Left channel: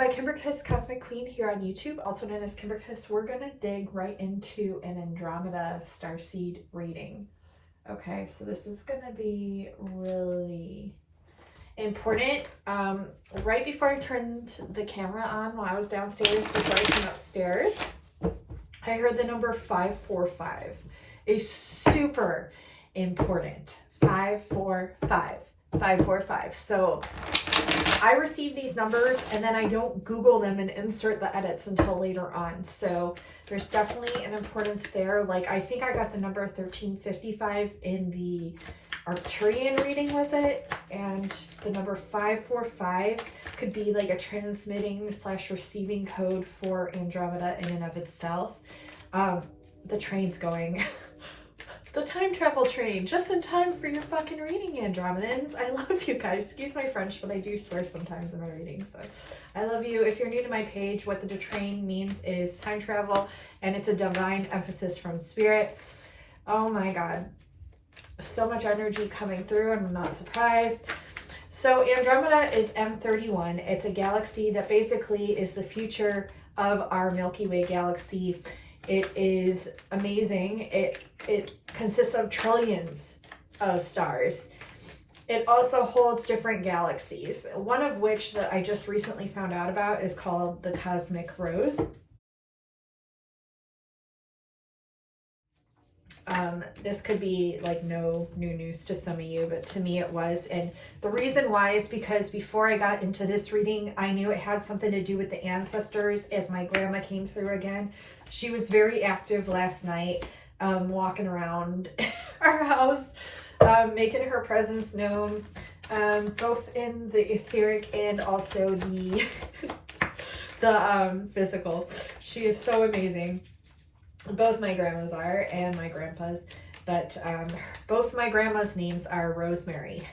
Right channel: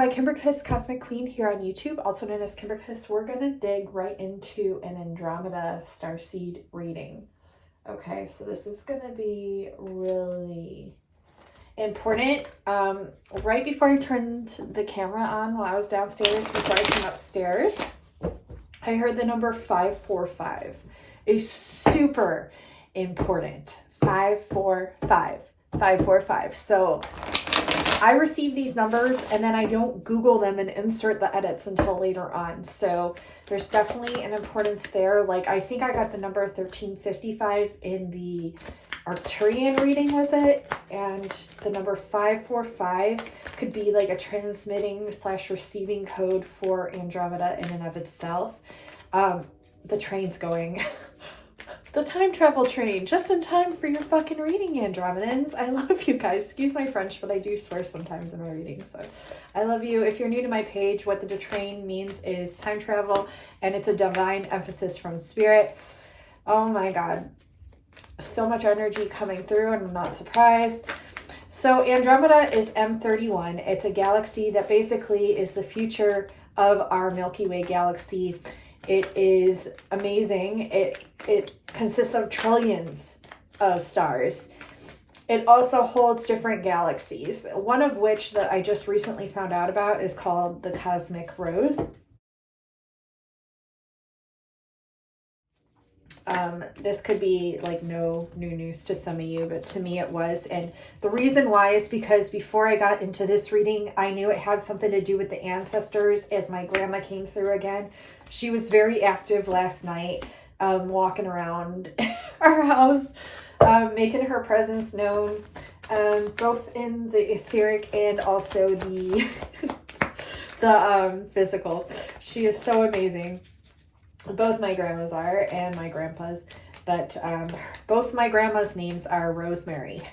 my Kimber Kiss Cosmic Queen here on YouTube, also known as Kimber Kiss. We're going to dig right into an Andromeda Starseed reading. Okay, so this is going to be really important. Right before I turned the camera on while I was downstairs, before I came upstairs, I heard the number 545. Is super important. 545. 545. So I receive these numbers and then I don't Google them and insert the edits until later on. So there's definitely an importance there. Like I think I got the number 1355 in the Arcturian reading with it, and the number 545 could be like a transmitting / receiving code for Andromeda in and of itself. The train's going. The time travel train, just in time for your fucking reading, Andromedans. I love you guys. Excuse my French, but I do swear sometimes in my readings, so I love you. If you're new to my page, what the train means is time travel, and it's a divine emphasis from spirit. Oh my God. So much energy coming through, and I'm not surprised. So Andromeda is M31. It's a galaxy that basically is the future of our Milky Way galaxy. It is amazing. It consists of trillions of stars. It also holds different galaxies, one of which that I just recently found out about is called the Cosmic Rose. This could be like no new news to some of you, but to me it was. And the reason why is because before I got into this reading, I knew it had something to do with the ancestors as my grandma came through again. She was very active last night, walking around our house, making her presence known, both in the etheric and also the, the physical. She is so amazing. Both my grandmas are, and my grandpa's, but both my grandma's names are Rosemary,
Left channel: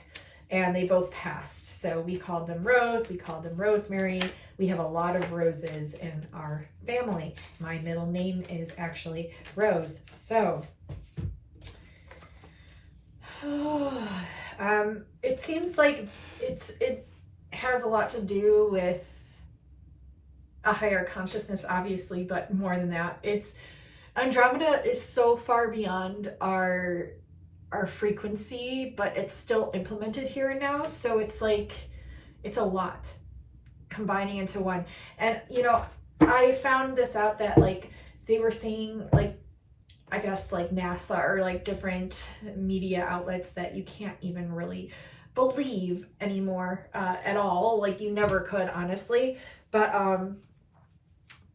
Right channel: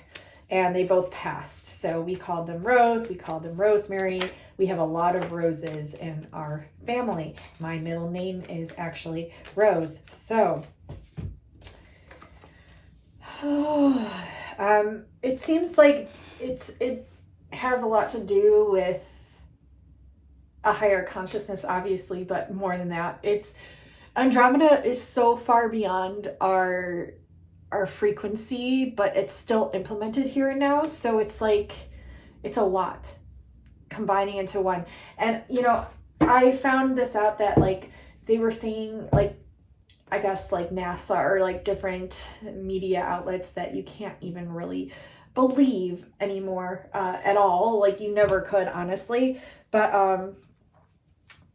and they both passed. So we called them Rose, we called them Rosemary. We have a lot of Roses in our family. My middle name is actually Rose. So it seems like it has a lot to do with a higher consciousness, obviously, but more than that, Andromeda is so far beyond our frequency, but it's still implemented here and now. So it's like, it's a lot combining into one. And, you know, I found this out that like they were saying, like, I guess like NASA or like different media outlets that you can't even really believe anymore at all. Like you never could, honestly. But,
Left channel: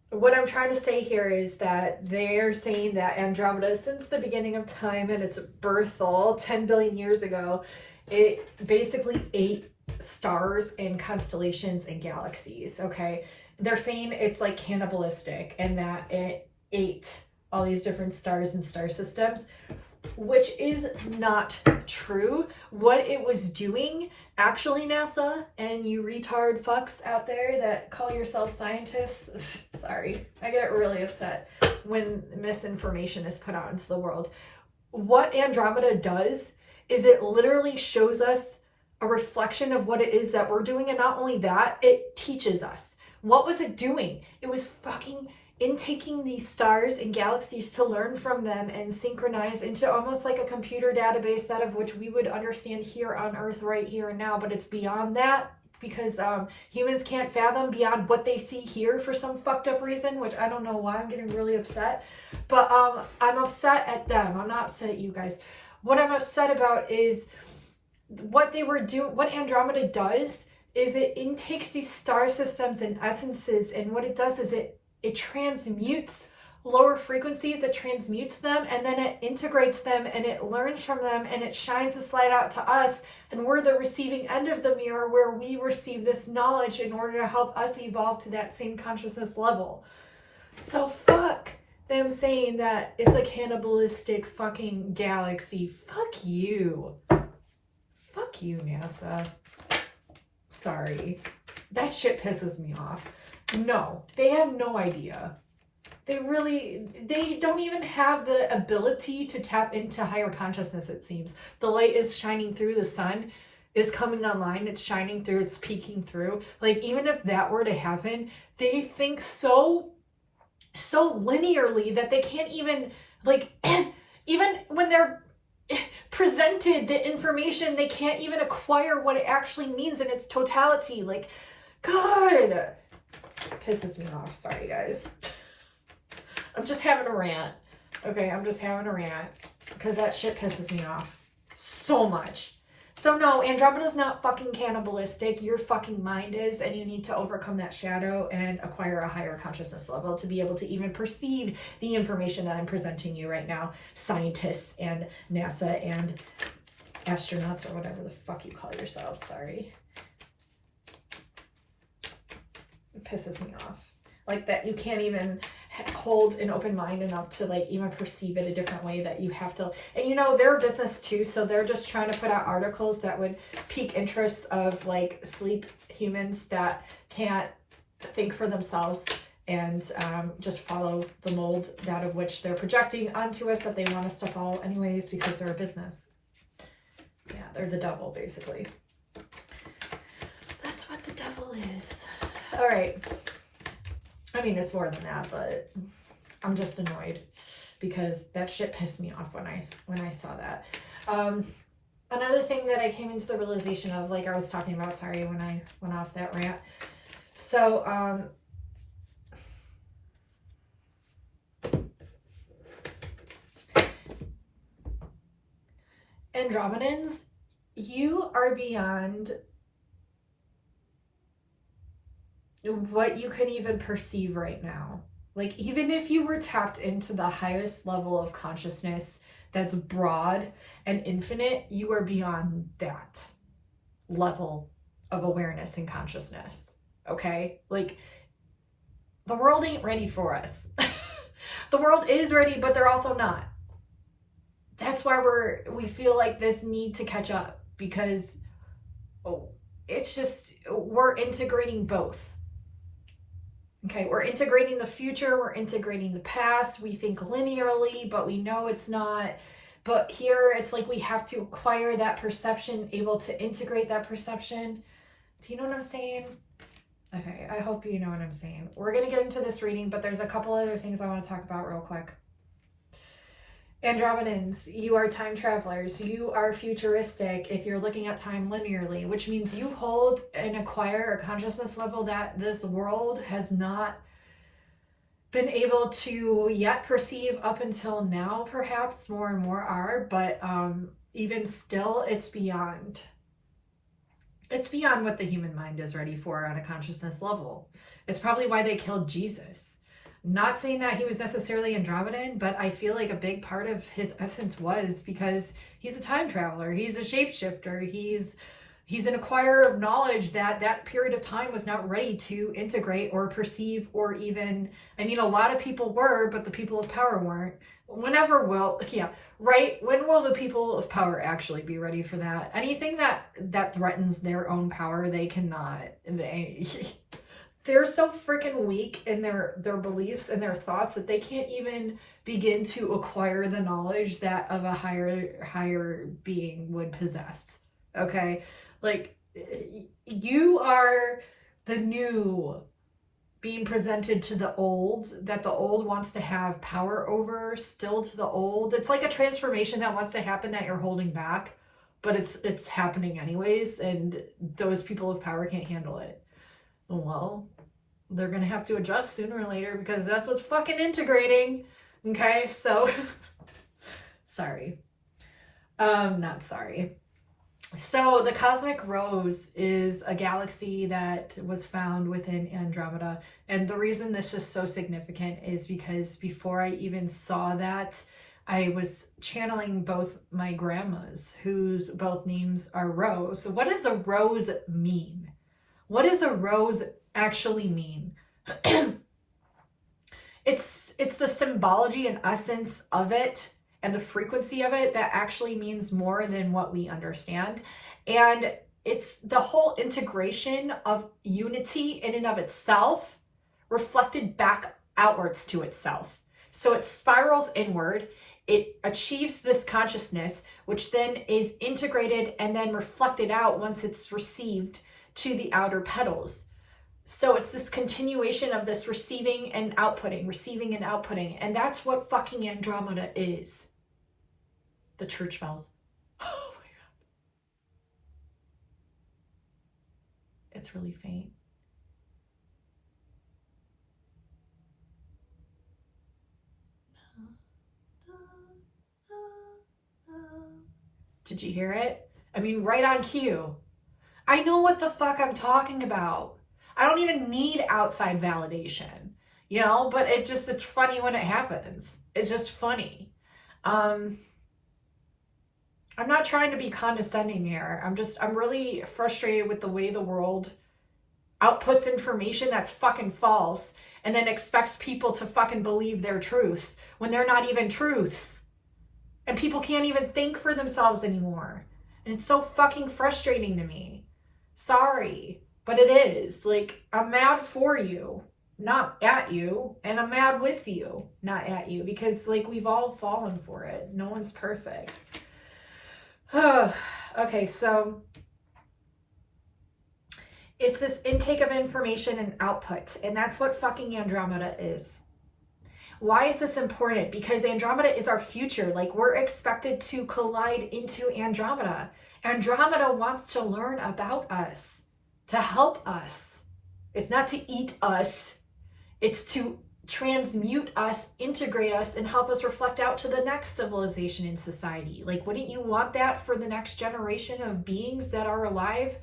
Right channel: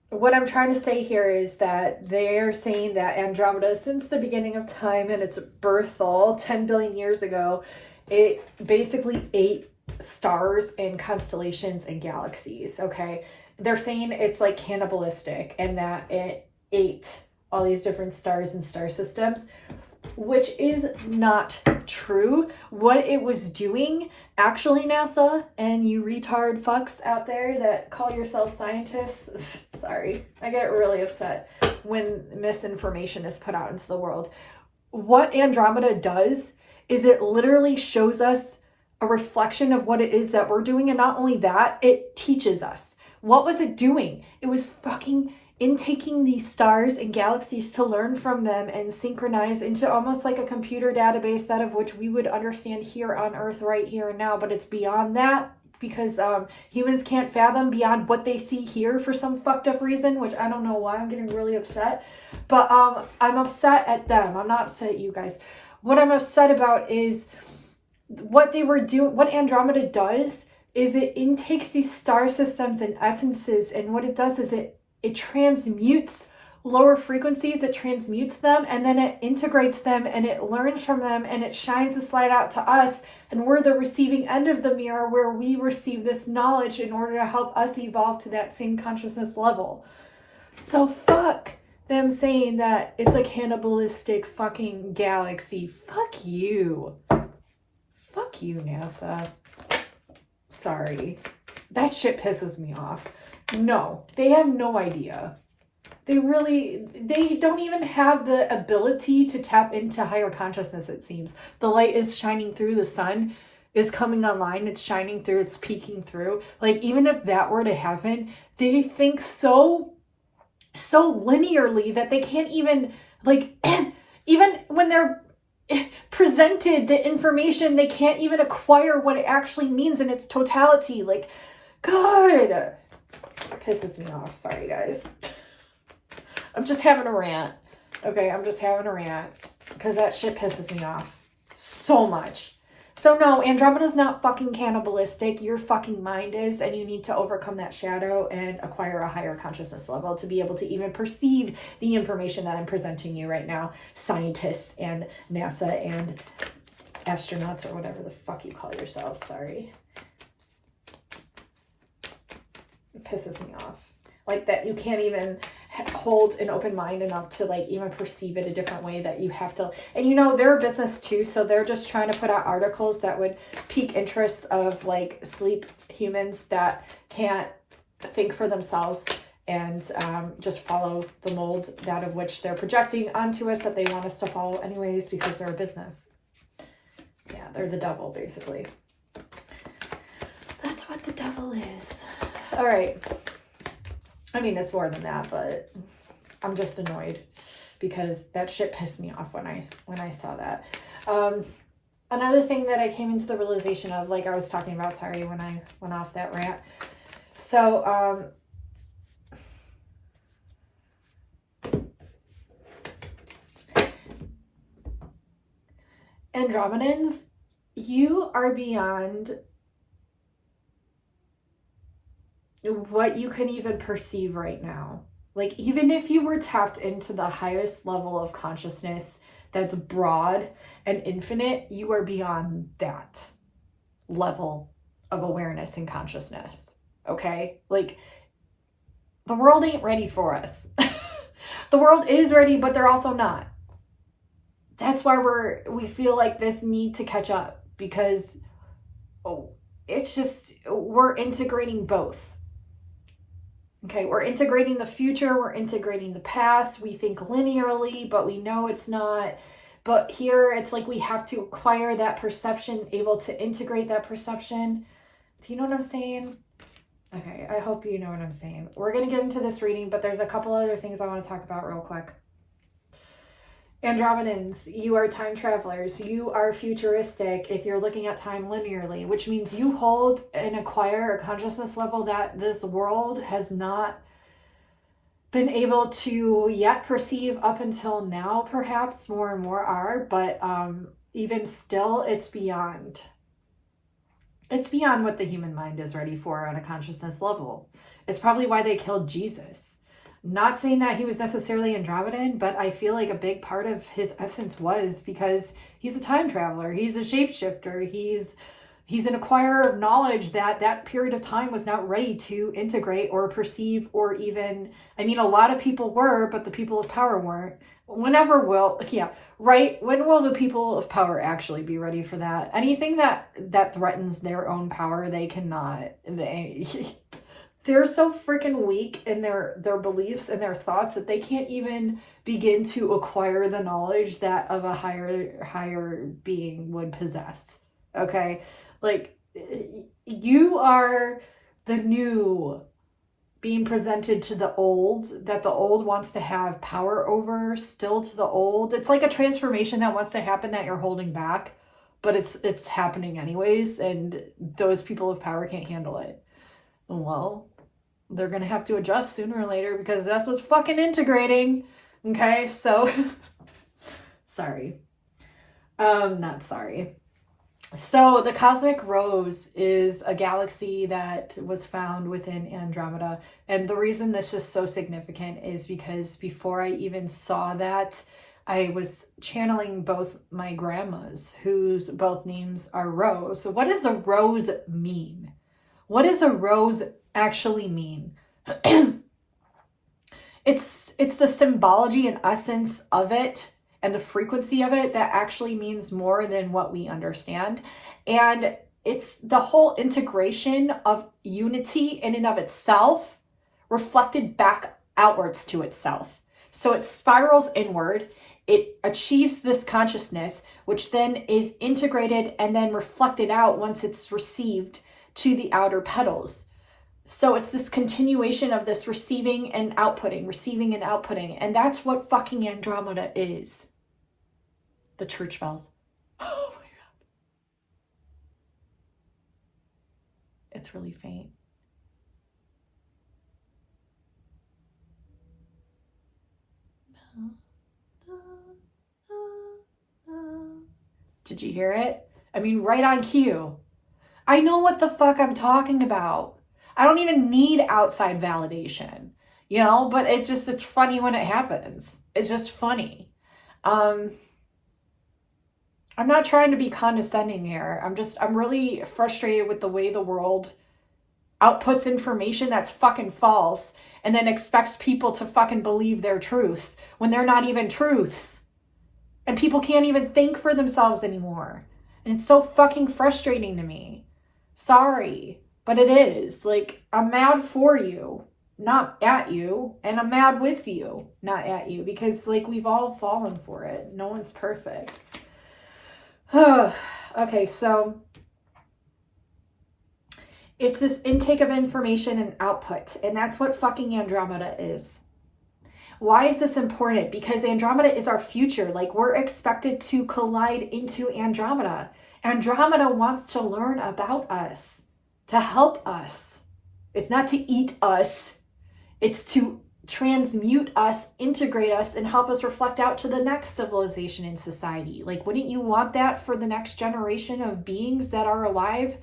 what I'm trying to say here is that they're saying that Andromeda, since the beginning of time and its birth all 10 billion years ago, it basically ate stars and constellations and galaxies, okay? They're saying it's like cannibalistic and that it ate all these different stars and star systems, which is not true. What it was doing, actually, NASA and you retard fucks out there that call yourself scientists, sorry, I get really upset when misinformation is put out into the world. What Andromeda does is it literally shows us a reflection of what it is that we're doing, and not only that, it teaches us. What was it doing? It was fucking intaking these stars and galaxies to learn from them and synchronize into almost like a computer database, that of which we would understand here on Earth right here and now, but it's beyond that because humans can't fathom beyond what they see here for some fucked up reason, which I don't know why. I'm getting really upset, but I'm upset at them. I'm not upset at you guys. What I'm upset about is what they were doing. What Andromeda does is it intakes these star systems and essences, and what it does is it transmutes lower frequencies, it transmutes them, and then it integrates them, and it learns from them, and it shines this light out to us, and we're the receiving end of the mirror where we receive this knowledge in order to help us evolve to that same consciousness level. So fuck them saying that it's a cannibalistic fucking galaxy. Fuck you. Fuck you, NASA. Sorry. That shit pisses me off. No, they have no idea. They don't even have the ability to tap into higher consciousness, it seems. The light is shining through the sun. is coming online, it's shining through, it's peeking through. Like, even if that were to happen, they think so linearly that they can't even, like, even when they're presented the information, they can't even acquire what it actually means in its totality. Like, God, it pisses me off. Sorry, guys. I'm just having a rant. Okay, I'm just having a rant because that shit pisses me off so much. So no, Andromeda's not fucking cannibalistic. Your fucking mind is, and you need to overcome that shadow and acquire a higher consciousness level to be able to even perceive the information that I'm presenting you right now. Scientists and NASA and astronauts, or whatever the fuck you call yourselves. Sorry. It pisses me off. Like, that you can't even hold an open mind enough to, like, even perceive it a different way, that you have to. And you know, they're a business too, so they're just trying to put out articles that would pique interests of, like, sleep humans that can't think for themselves and just follow the mold, that of which they're projecting onto us, that they want us to follow anyways, because they're a business. Yeah, they're the devil, basically. That's what the devil is. All right. I mean, it's more than that, but I'm just annoyed because that shit pissed me off when I saw that. Another thing that I came into the realization of, like I was talking about, sorry, when I went off that rant. So, Andromedans, you are beyond what you can even perceive right now. Like, even if you were tapped into the highest level of consciousness that's broad and infinite, you are beyond that level of awareness and consciousness. Okay? Like, the world ain't ready for us. The world is ready, but they're also not. That's why we feel like this need to catch up, because it's just, we're integrating both. Okay, we're integrating the future, we're integrating the past. We think linearly, but we know it's not. But here, it's like we have to acquire that perception, able to integrate that perception. Do you know what I'm saying? Okay, I hope you know what I'm saying. We're going to get into this reading, but there's a couple other things I want to talk about real quick. Andromedans, you are time travelers. You are futuristic if you're looking at time linearly, which means you hold and acquire a consciousness level that this world has not been able to yet perceive up until now. Perhaps more and more are, but even still, it's beyond. It's beyond what the human mind is ready for on a consciousness level. It's probably why they killed Jesus. Not saying that he was necessarily Andromedan, but I feel like a big part of his essence was because he's a time traveler. He's a shapeshifter. He's an acquirer of knowledge that period of time was not ready to integrate or perceive, or even, I mean, a lot of people were, but the people of power weren't. When will the people of power actually be ready for that? Anything that threatens their own power, they cannot. They're so freaking weak in their beliefs and their thoughts that they can't even begin to acquire the knowledge that of a higher being would possess. Okay? Like, you are the new being presented to the old, that the old wants to have power over, still to the old. It's like a transformation that wants to happen that you're holding back, but it's happening anyways, and those people of power can't handle it. Well, they're going to have to adjust sooner or later, because that's what's fucking integrating. Okay, so sorry. Not sorry. So the cosmic rose is a galaxy that was found within Andromeda. And the reason this is so significant is because before I even saw that, I was channeling both my grandmas, whose both names are Rose. So what does a rose mean? What does a rose actually mean? It's the symbology and essence of it, and the frequency of it, that actually means more than what we understand. And it's the whole integration of unity in and of itself, reflected back outwards to itself. So it spirals inward. it achieves this consciousness, which then is integrated and then reflected out once it's received to the outer petals. So it's this continuation of this receiving and outputting, and that's what fucking Andromeda is. The church bells. Oh my god. It's really faint. Did you hear it? I mean, right on cue. I know what the fuck I'm talking about. I don't even need outside validation, you know, but it's funny when it happens. It's just funny. I'm not trying to be condescending here. I'm really frustrated with the way the world outputs information that's fucking false and then expects people to fucking believe their truths when they're not even truths. And people can't even think for themselves anymore. And it's so fucking frustrating to me. Sorry, but it is. Like, I'm mad for you, not at you. And I'm mad with you, not at you. Because, like, we've all fallen for it. No one's perfect. Okay, so it's this intake of information and output. And that's what fucking Andromeda is. Why is this important? Because Andromeda is our future. Like, we're expected to collide into Andromeda. Andromeda wants to learn about us, to help us. It's not to eat us. It's to transmute us, integrate us, and help us reflect out to the next civilization in society. Like, wouldn't you want that for the next generation of beings that are alive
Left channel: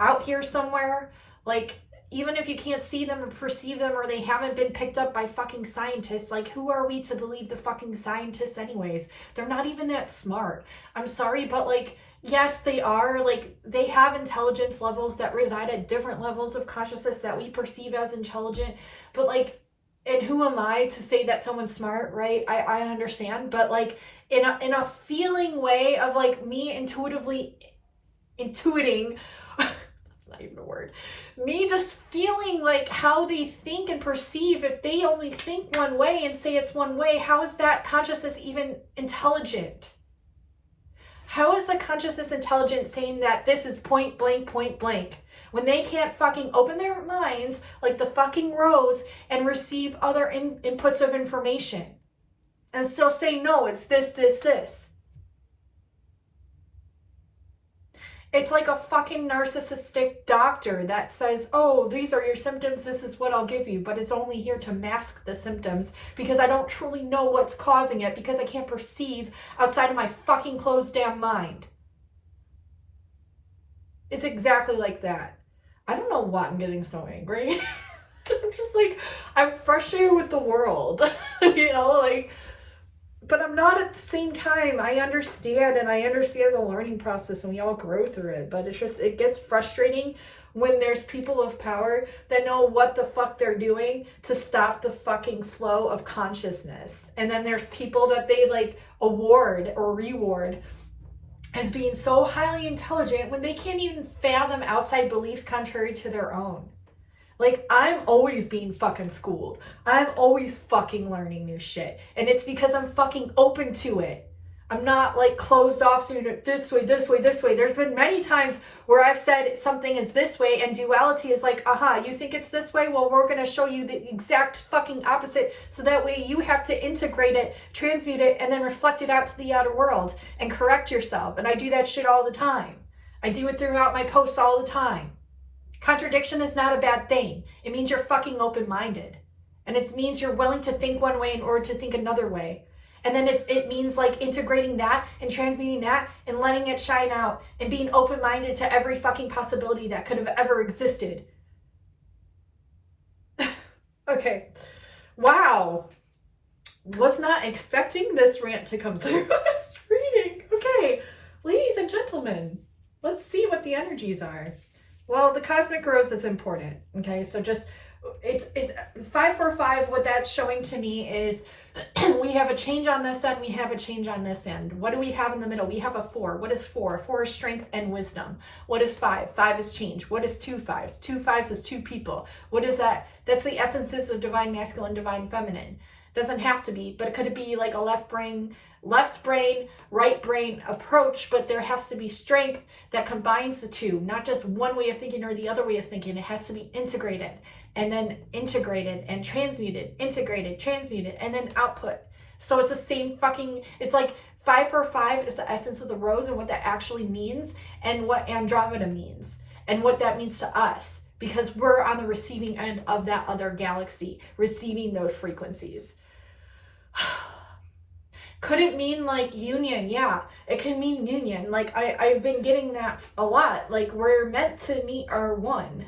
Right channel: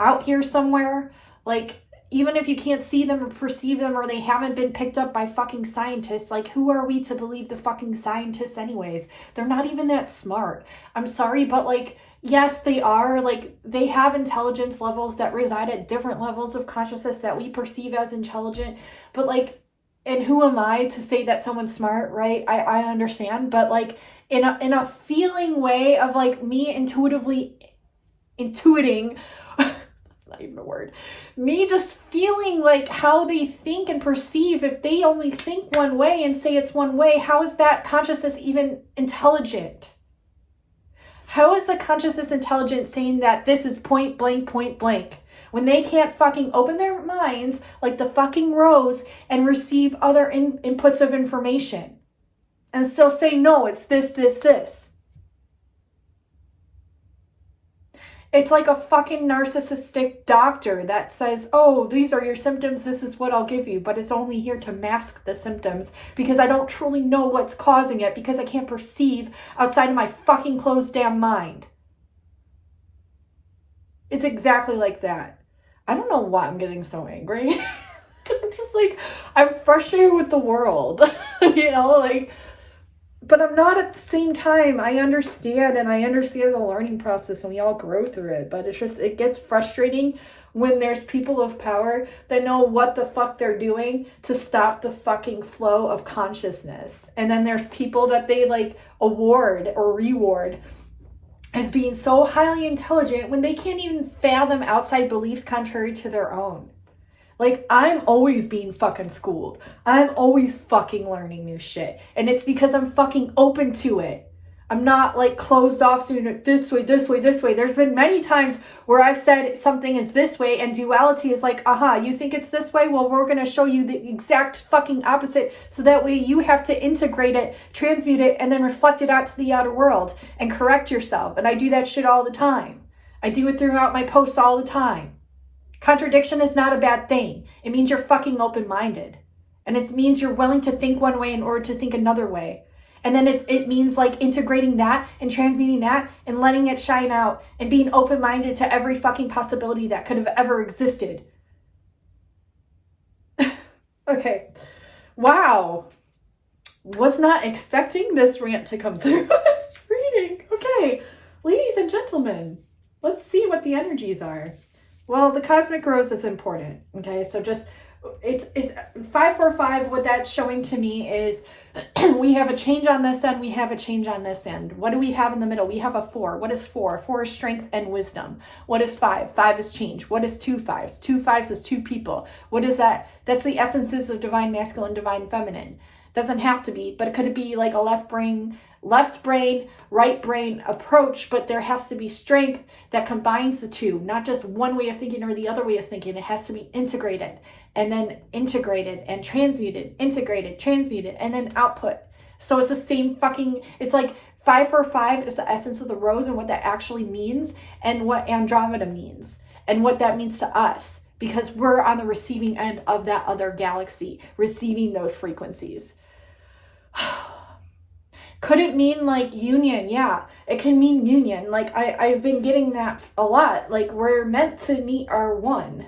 out here somewhere? Like, even if you can't see them or perceive them, or they haven't been picked up by fucking scientists, like, who are we to believe the fucking scientists anyways? They're not even that smart. I'm sorry, but like, yes, they are. Like, they have intelligence levels that reside at different levels of consciousness that we perceive as intelligent. But like, and who am I to say that someone's smart, right? I understand, but like, in a feeling way of like me intuiting, not even a word, me just feeling like how they think and perceive. If they only think one way and say it's one way, how is that consciousness even intelligent? How is the consciousness intelligent saying that this is point blank, when they can't fucking open their minds like the fucking rose and receive other inputs of information and still say, no, it's this. It's like a fucking narcissistic doctor that says, oh, these are your symptoms, this is what I'll give you, but it's only here to mask the symptoms because I don't truly know what's causing it, because I can't perceive outside of my fucking closed damn mind. It's exactly like that. I don't know why I'm getting so angry. I'm just like, I'm frustrated with the world, you know, like, but I'm not at the same time. I understand, and I understand the learning process, and we all grow through it, but it's just, it gets frustrating when there's people of power that know what the fuck they're doing to stop the fucking flow of consciousness. And then there's people that they like award or reward as being so highly intelligent when they can't even fathom outside beliefs contrary to their own. Like, I'm always being fucking schooled. I'm always fucking learning new shit. And it's because I'm fucking open to it. I'm not like closed off doing it this way. There's been many times where I've said something is this way and duality is like, you think it's this way? Well, we're going to show you the exact fucking opposite. So that way you have to integrate it, transmute it, and then reflect it out to the outer world and correct yourself. And I do that shit all the time. I do it throughout my posts all the time. Contradiction is not a bad thing. It means you're fucking open-minded. And it means you're willing to think one way in order to think another way. And then it means like integrating that and transmuting that and letting it shine out and being open-minded to every fucking possibility that could have ever existed. Okay. Wow. Was not expecting this rant to come through this reading. Okay. Ladies and gentlemen, let's see what the energies are. Well, the cosmic rose is important. Okay. So just, it's 545. What that's showing to me is We have a change on this end. We have a change on this end. What do we have in the middle? We have a 4. What is 4? 4 is strength and wisdom. What is 5? 5 is change. What is 2 5s? 2 5s is 2 people. What is that? That's the essences of divine masculine, divine feminine. Doesn't have to be, but it could be like a left brain, right brain approach, but there has to be strength that combines the two, not just one way of thinking or the other way of thinking. It has to be integrated, and then integrated and transmuted, integrated, transmuted, and then output. So it's the same fucking, it's like 545 is the essence of the rose and what that actually means, and what Andromeda means, and what that means to us, because we're on the receiving end of that other galaxy, receiving those frequencies. Could it mean like union? Yeah, it can mean union. Like I've been getting that a lot. Like we're meant to meet our one,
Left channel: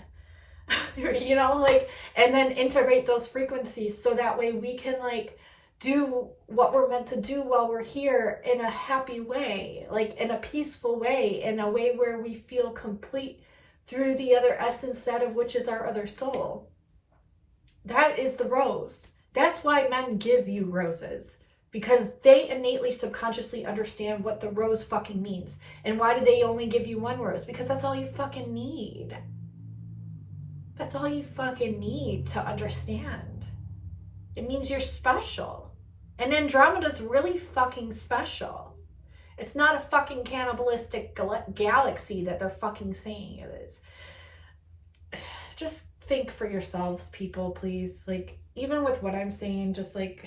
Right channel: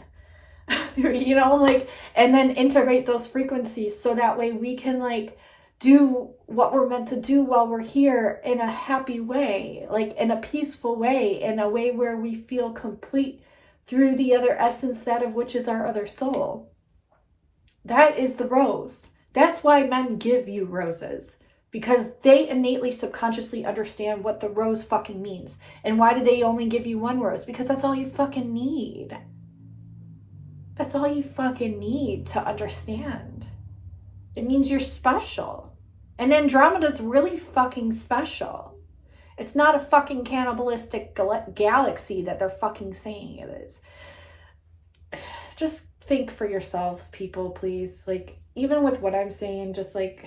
you know, like, and then integrate those frequencies so that way we can like do what we're meant to do while we're here in a happy way, like in a peaceful way, in a way where we feel complete through the other essence, that of which is our other soul. That is the rose. That's why men give you roses, because they innately subconsciously understand what the rose fucking means. And why do they only give you one rose? Because that's all you fucking need. That's all you fucking need to understand. It means you're special. And Andromeda's really fucking special. It's not a fucking cannibalistic galaxy that they're fucking saying it is. Just think for yourselves, people, please. Like, even with what I'm saying, just like,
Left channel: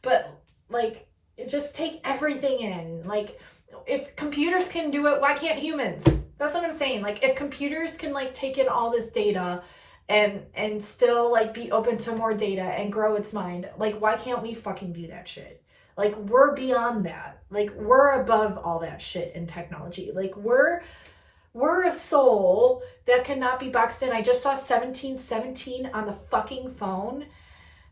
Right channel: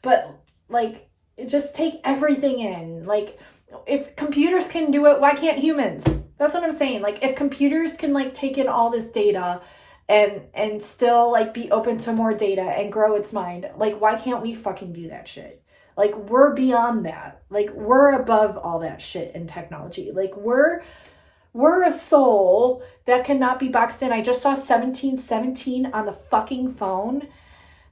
but like, just take everything in. Like, if computers can do it, why can't humans? That's what I'm saying. Like, if computers can like take in all this data and still like be open to more data and grow its mind, like, why can't we fucking do that shit? Like, we're beyond that. Like, we're above all that shit in technology. Like, we're a soul that cannot be boxed in. I just saw 1717 on the fucking phone.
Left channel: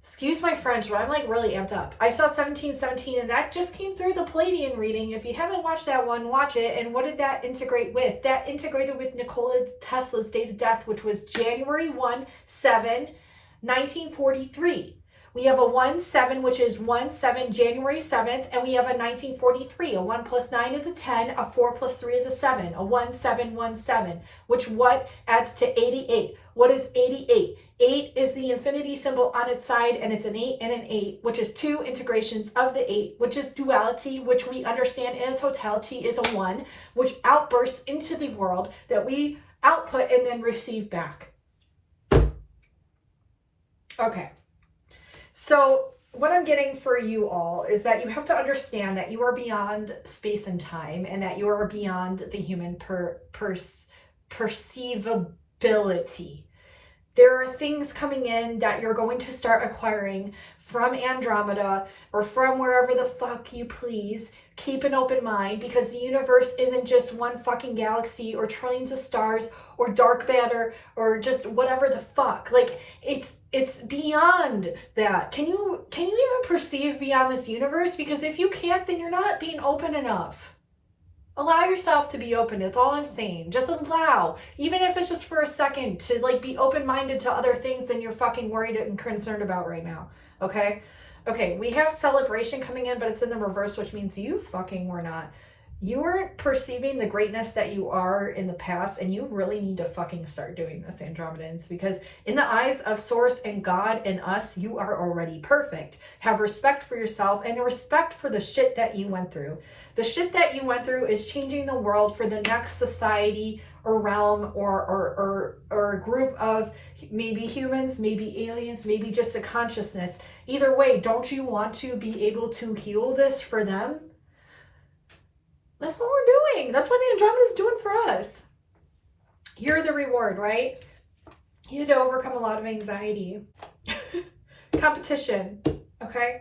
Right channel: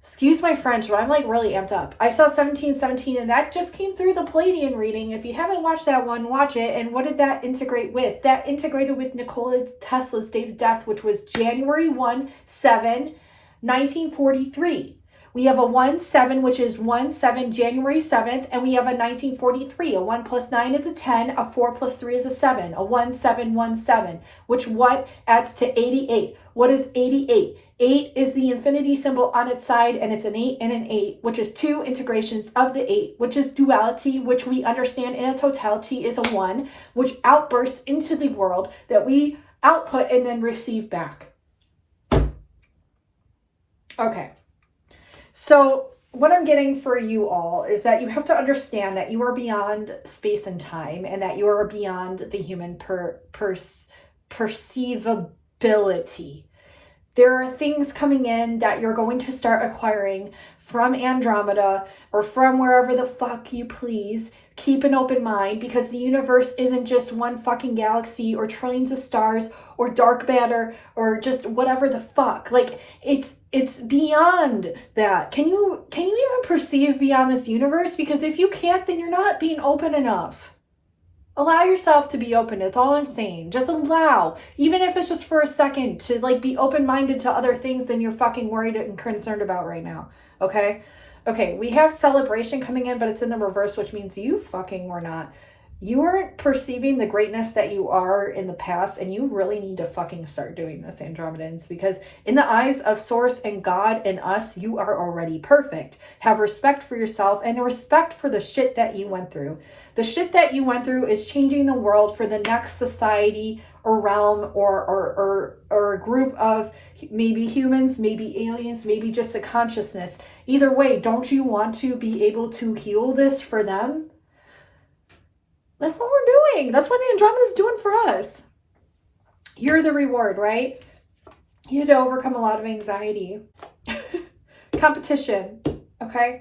Excuse my French, but I'm like really amped up. I saw 1717 and that just came through the Palladian reading. If you haven't watched that one, watch it. And what did that integrate with? That integrated with Nikola Tesla's date of death, which was January 1943. We have a 1-7, which is 1-7, January 7th, and we have a 1943. A 1 plus 9 is a 10, a 4 plus 3 is a 7, a 1717, which what adds to 88? What is 88? 8 is the infinity symbol on its side, and it's an 8 and an 8, which is 2 integrations of the 8, which is duality, which we understand in a totality is a 1, which outbursts into the world that we output and then receive back. Okay. So what I'm getting for you all is that you have to understand that you are beyond space and time, and that you are beyond the human perceivability. There are things coming in that you're going to start acquiring from Andromeda or from wherever the fuck you please. Keep an open mind, because the universe isn't just one fucking galaxy or trillions of stars or dark matter or just whatever the fuck. Like, it's beyond that. Can you even perceive beyond this universe? Because if you can't, then you're not being open enough. Allow yourself to be open. That's all I'm saying. Just allow, even if it's just for a second, to like be open-minded to other things than you're fucking worried and concerned about right now. Okay? Okay, we have celebration coming in, but it's in the reverse, which means you fucking were not. You weren't perceiving the greatness that you are in the past, and you really need to fucking start doing this, Andromedans, because in the eyes of Source and God and us, you are already perfect. Have respect for yourself and respect for the shit that you went through. The shit that you went through is changing the world for the next society or realm or a group of maybe humans, maybe aliens, maybe just a consciousness. Either way, don't you want to be able to heal this for them? That's what we're doing. That's what Andromeda is doing for us. You're the reward, right? You had to overcome a lot of anxiety. Competition, okay?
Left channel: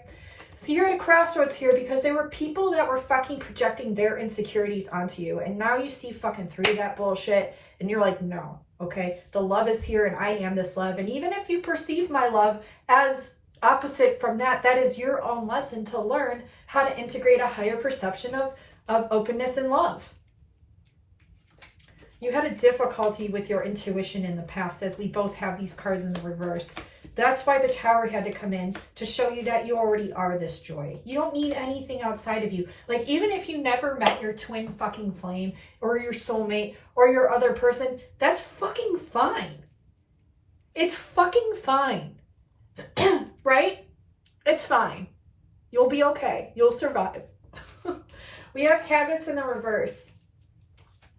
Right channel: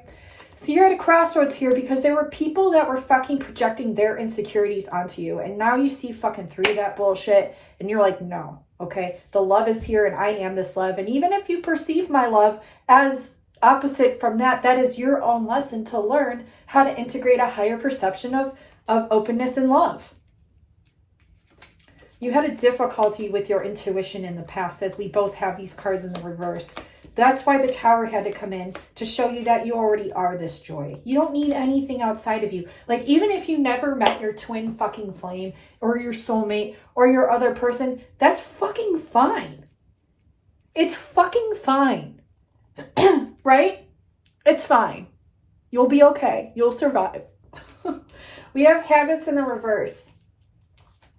So you're at a crossroads here because there were people that were fucking projecting their insecurities onto you. And now you see fucking through that bullshit and you're like, no, okay? The love is here and I am this love. And even if you perceive my love as opposite from that, that is your own lesson to learn how to integrate a higher perception of openness and love. You had a difficulty with your intuition in the past, as we both have these cards in the reverse. That's why the tower had to come in, to show you that you already are this joy. You don't need anything outside of you. Like, even if you never met your twin fucking flame or your soulmate or your other person, that's fucking fine. It's fucking fine. Right? It's fine. You'll be okay. You'll survive. We have habits in the reverse.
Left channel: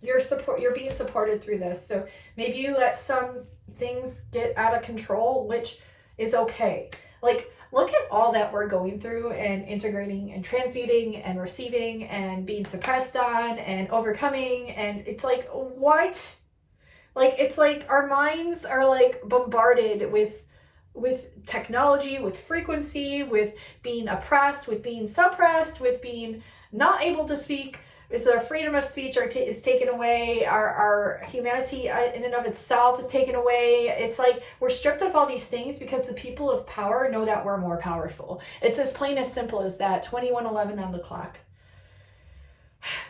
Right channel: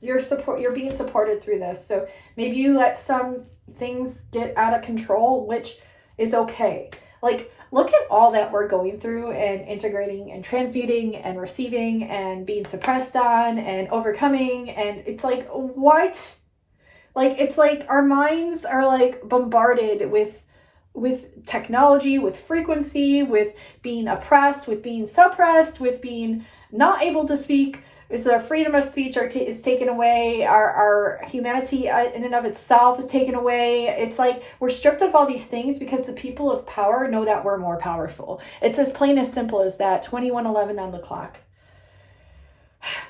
You're being supported through this. So maybe you let some things get out of control, which is okay. Like, look at all that we're going through and integrating and transmuting and receiving and being suppressed on and overcoming. And it's like, what? Like, it's like our minds are like bombarded with technology, with frequency, with being oppressed, with being suppressed, with being not able to speak. If our freedom of speech is taken away, our humanity in and of itself is taken away. It's like we're stripped of all these things because the people of power know that we're more powerful. It's as plain as simple as that. 21:11 on the clock,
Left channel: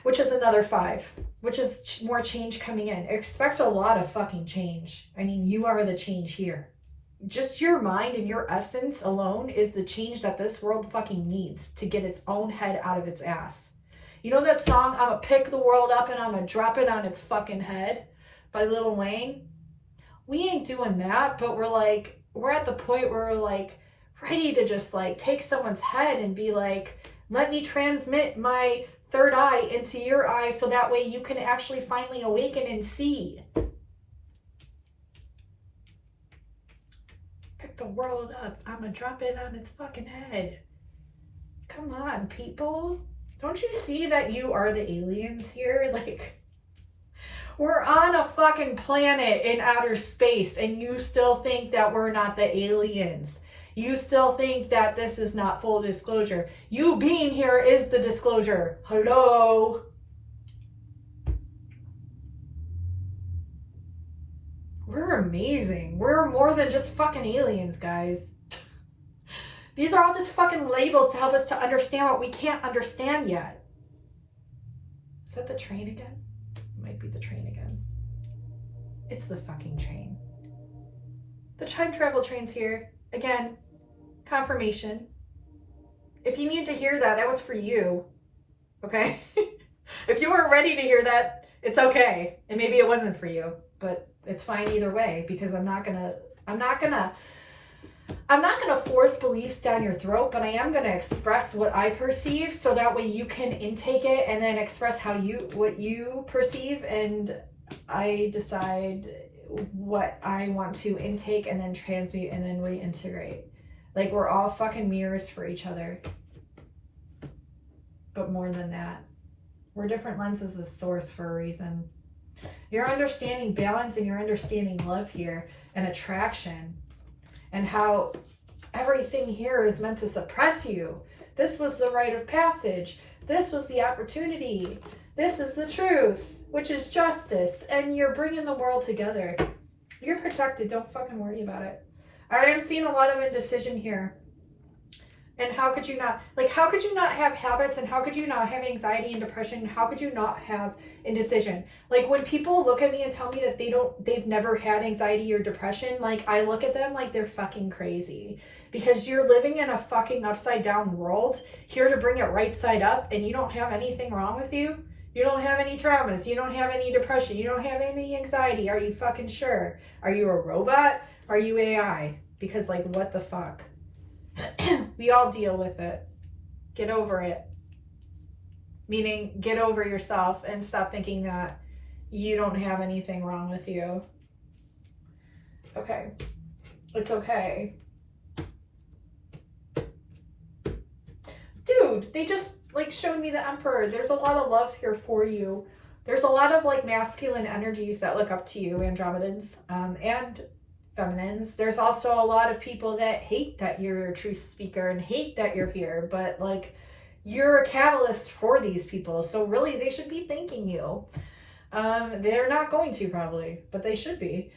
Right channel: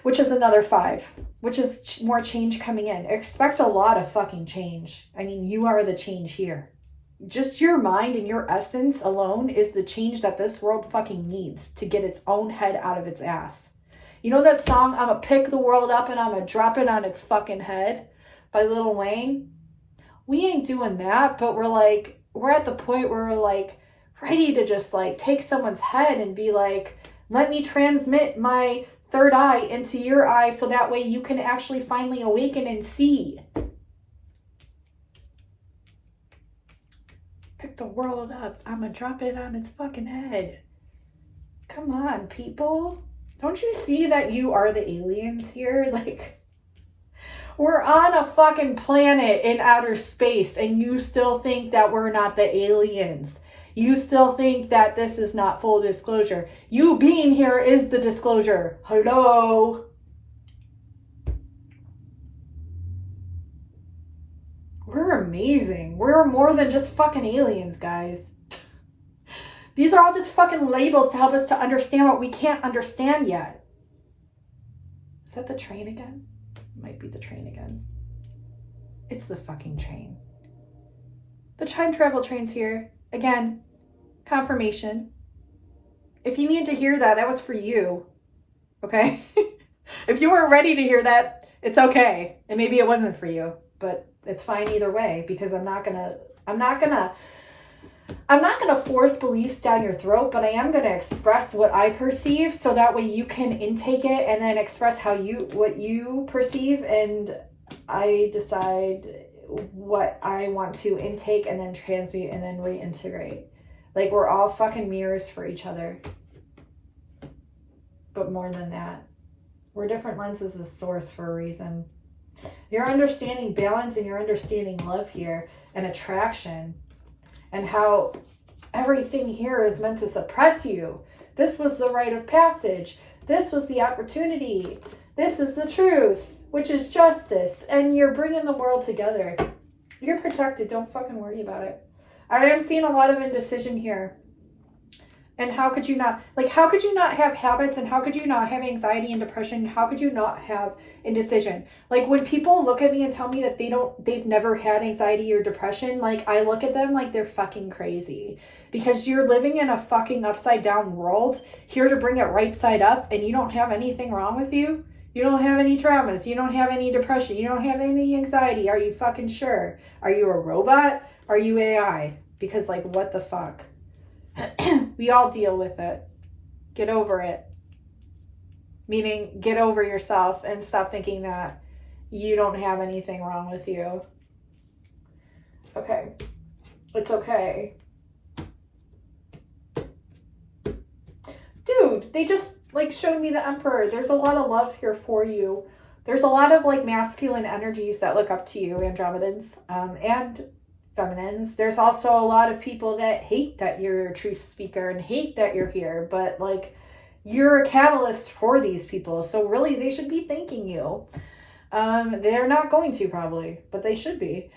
which is another 5, which is more change coming in. Expect a lot of fucking change. I mean, you are the change here. Just your mind and your essence alone is the change that this world fucking needs to get its own head out of its ass. You know that song, I'm gonna pick the world up and I'm gonna drop it on its fucking head, by Lil Wayne? We ain't doing that, but we're at the point where we're like ready to just like take someone's head and be like, let me transmit my third eye into your eye so that way you can actually finally awaken and see. Pick the world up. I'm gonna drop it on its fucking head. Come on, people. Don't you see that you are the aliens here? Like, we're on a fucking planet in outer space and you still think that we're not the aliens. You still think that this is not full disclosure. You being here is the disclosure. Hello? We're amazing. We're more than just fucking aliens, guys. These are all just fucking labels to help us to understand what we can't understand yet. Is that the train again? It might be the train again. It's the fucking train. The time travel train's here. Again, confirmation. If you need to hear that, that was for you. Okay? If you weren't ready to hear that, it's okay. And maybe it wasn't for you, but it's fine either way, because I'm not gonna force beliefs down your throat, but I am gonna express what I perceive so that way you can intake it and then express what you perceive, and I decide what I want to intake and then transmute and then reintegrate. Like, we're all fucking mirrors for each other. But more than that, we're different lenses of source for a reason. You're understanding balance and you're understanding love here and attraction and how everything here is meant to suppress you. This was the rite of passage. This was the opportunity. This is the truth, which is justice. And you're bringing the world together. You're protected. Don't fucking worry about it. I am seeing a lot of indecision here. And how could you not have habits, and how could you not have anxiety and depression? How could you not have indecision? Like, when people look at me and tell me that they've never had anxiety or depression, like, I look at them like they're fucking crazy, because you're living in a fucking upside down world here to bring it right side up, and you don't have anything wrong with you. You don't have any traumas. You don't have any depression. You don't have any anxiety. Are you fucking sure? Are you a robot? Are you AI? Because, like, what the fuck? We all deal with it. Get over it. Meaning, get over yourself and stop thinking that you don't have anything wrong with you. Okay. It's okay. Dude, they just like showed me the Emperor. There's a lot of love here for you. There's a lot of like masculine energies that look up to you, Andromedans, and feminines. There's also a lot of people that hate that you're a truth speaker and hate that you're here, but like, you're a catalyst for these people, so really they should be thanking you. They're not going to, probably, but they should be.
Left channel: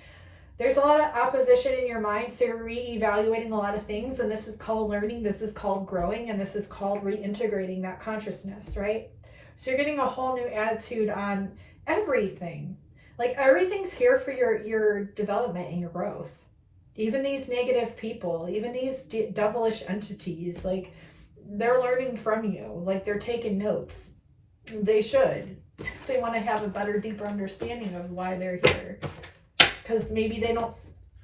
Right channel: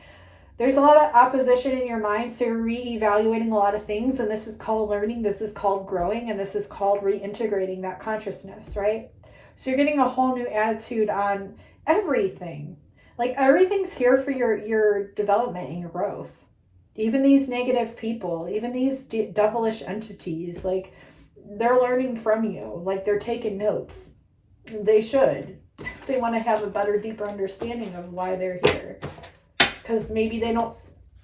There's a lot of opposition in your mind, so you're re-evaluating a lot of things, and this is called learning, this is called growing, and this is called reintegrating that consciousness, right? So you're getting a whole new attitude on everything. Like, everything's here for your development and your growth. Even these negative people, even these devilish entities, like, they're learning from you. Like, they're taking notes. They should. They want to have a better, deeper understanding of why they're here. Because maybe they don't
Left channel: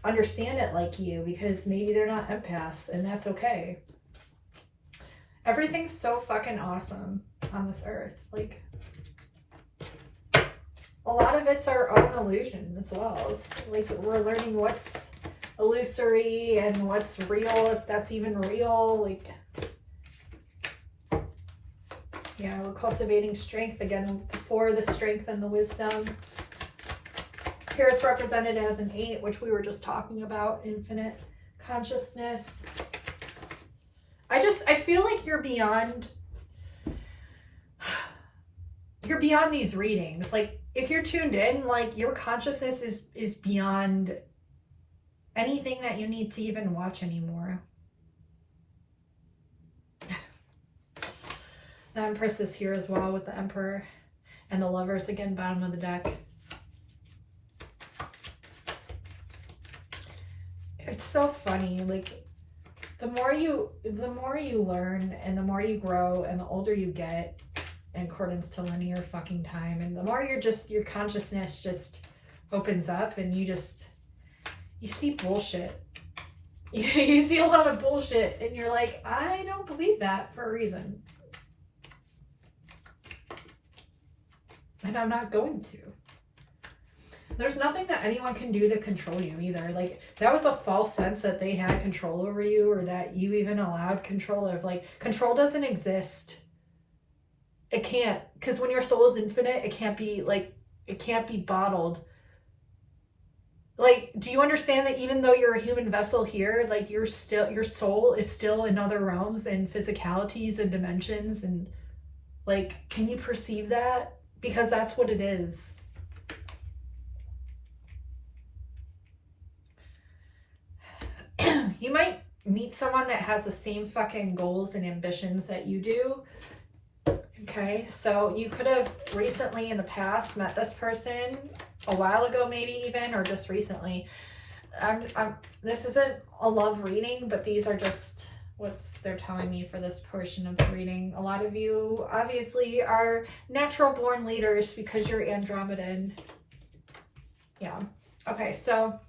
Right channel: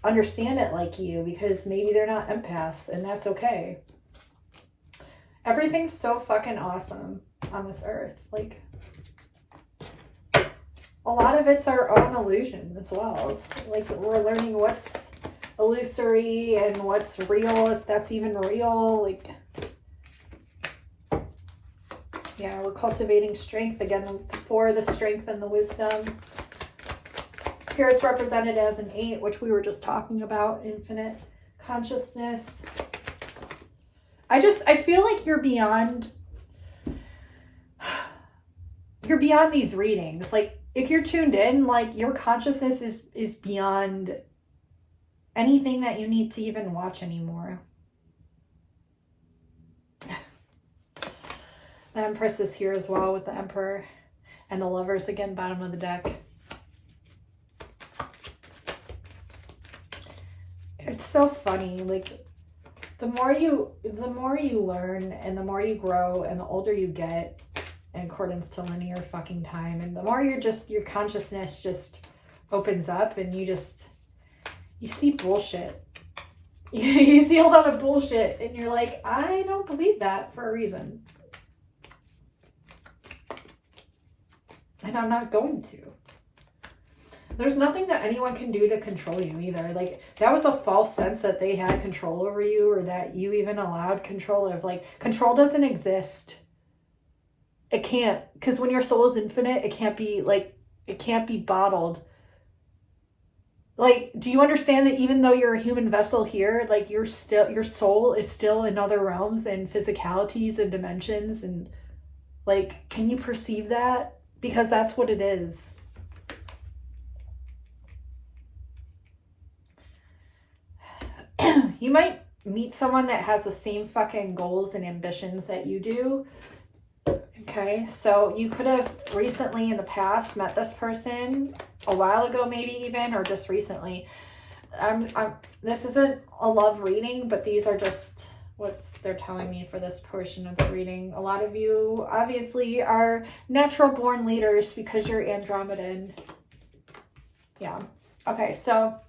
understand it like you, because maybe they're not empaths, and that's okay. Everything's so fucking awesome on this earth. Like, a lot of it's our own illusion as well. It's like, we're learning what's illusory and what's real, if that's even real. Like, yeah, we're cultivating strength again, for the strength and the wisdom. Here it's represented as an 8, which we were just talking about, infinite consciousness. I feel like you're beyond these readings. Like, if you're tuned in, like, your consciousness is beyond anything that you need to even watch anymore. The Empress is here as well with the Emperor and the Lovers, again, bottom of the deck. It's so funny. Like, the more you learn and the more you grow and the older you get, in accordance to linear fucking time, and the more your consciousness just opens up, and you see bullshit. You see a lot of bullshit, and you're like, I don't believe that for a reason. And I'm not going to. There's nothing that anyone can do to control you either. Like, that was a false sense that they had control over you, or that you even allowed control of. Like, control doesn't exist. It can't. Because when your soul is infinite, it can't be bottled. Like, do you understand that even though you're a human vessel here, like, your soul is still in other realms and physicalities and dimensions, and, like, can you perceive that? Because that's what it is. You might meet someone that has the same fucking goals and ambitions that you do. Okay, so you could have recently in the past met this person a while ago, maybe even, or just recently. This isn't a love reading, but these are just what they're telling me for this portion of the reading. A lot of you obviously are natural born leaders because you're Andromedan. Yeah. Okay, so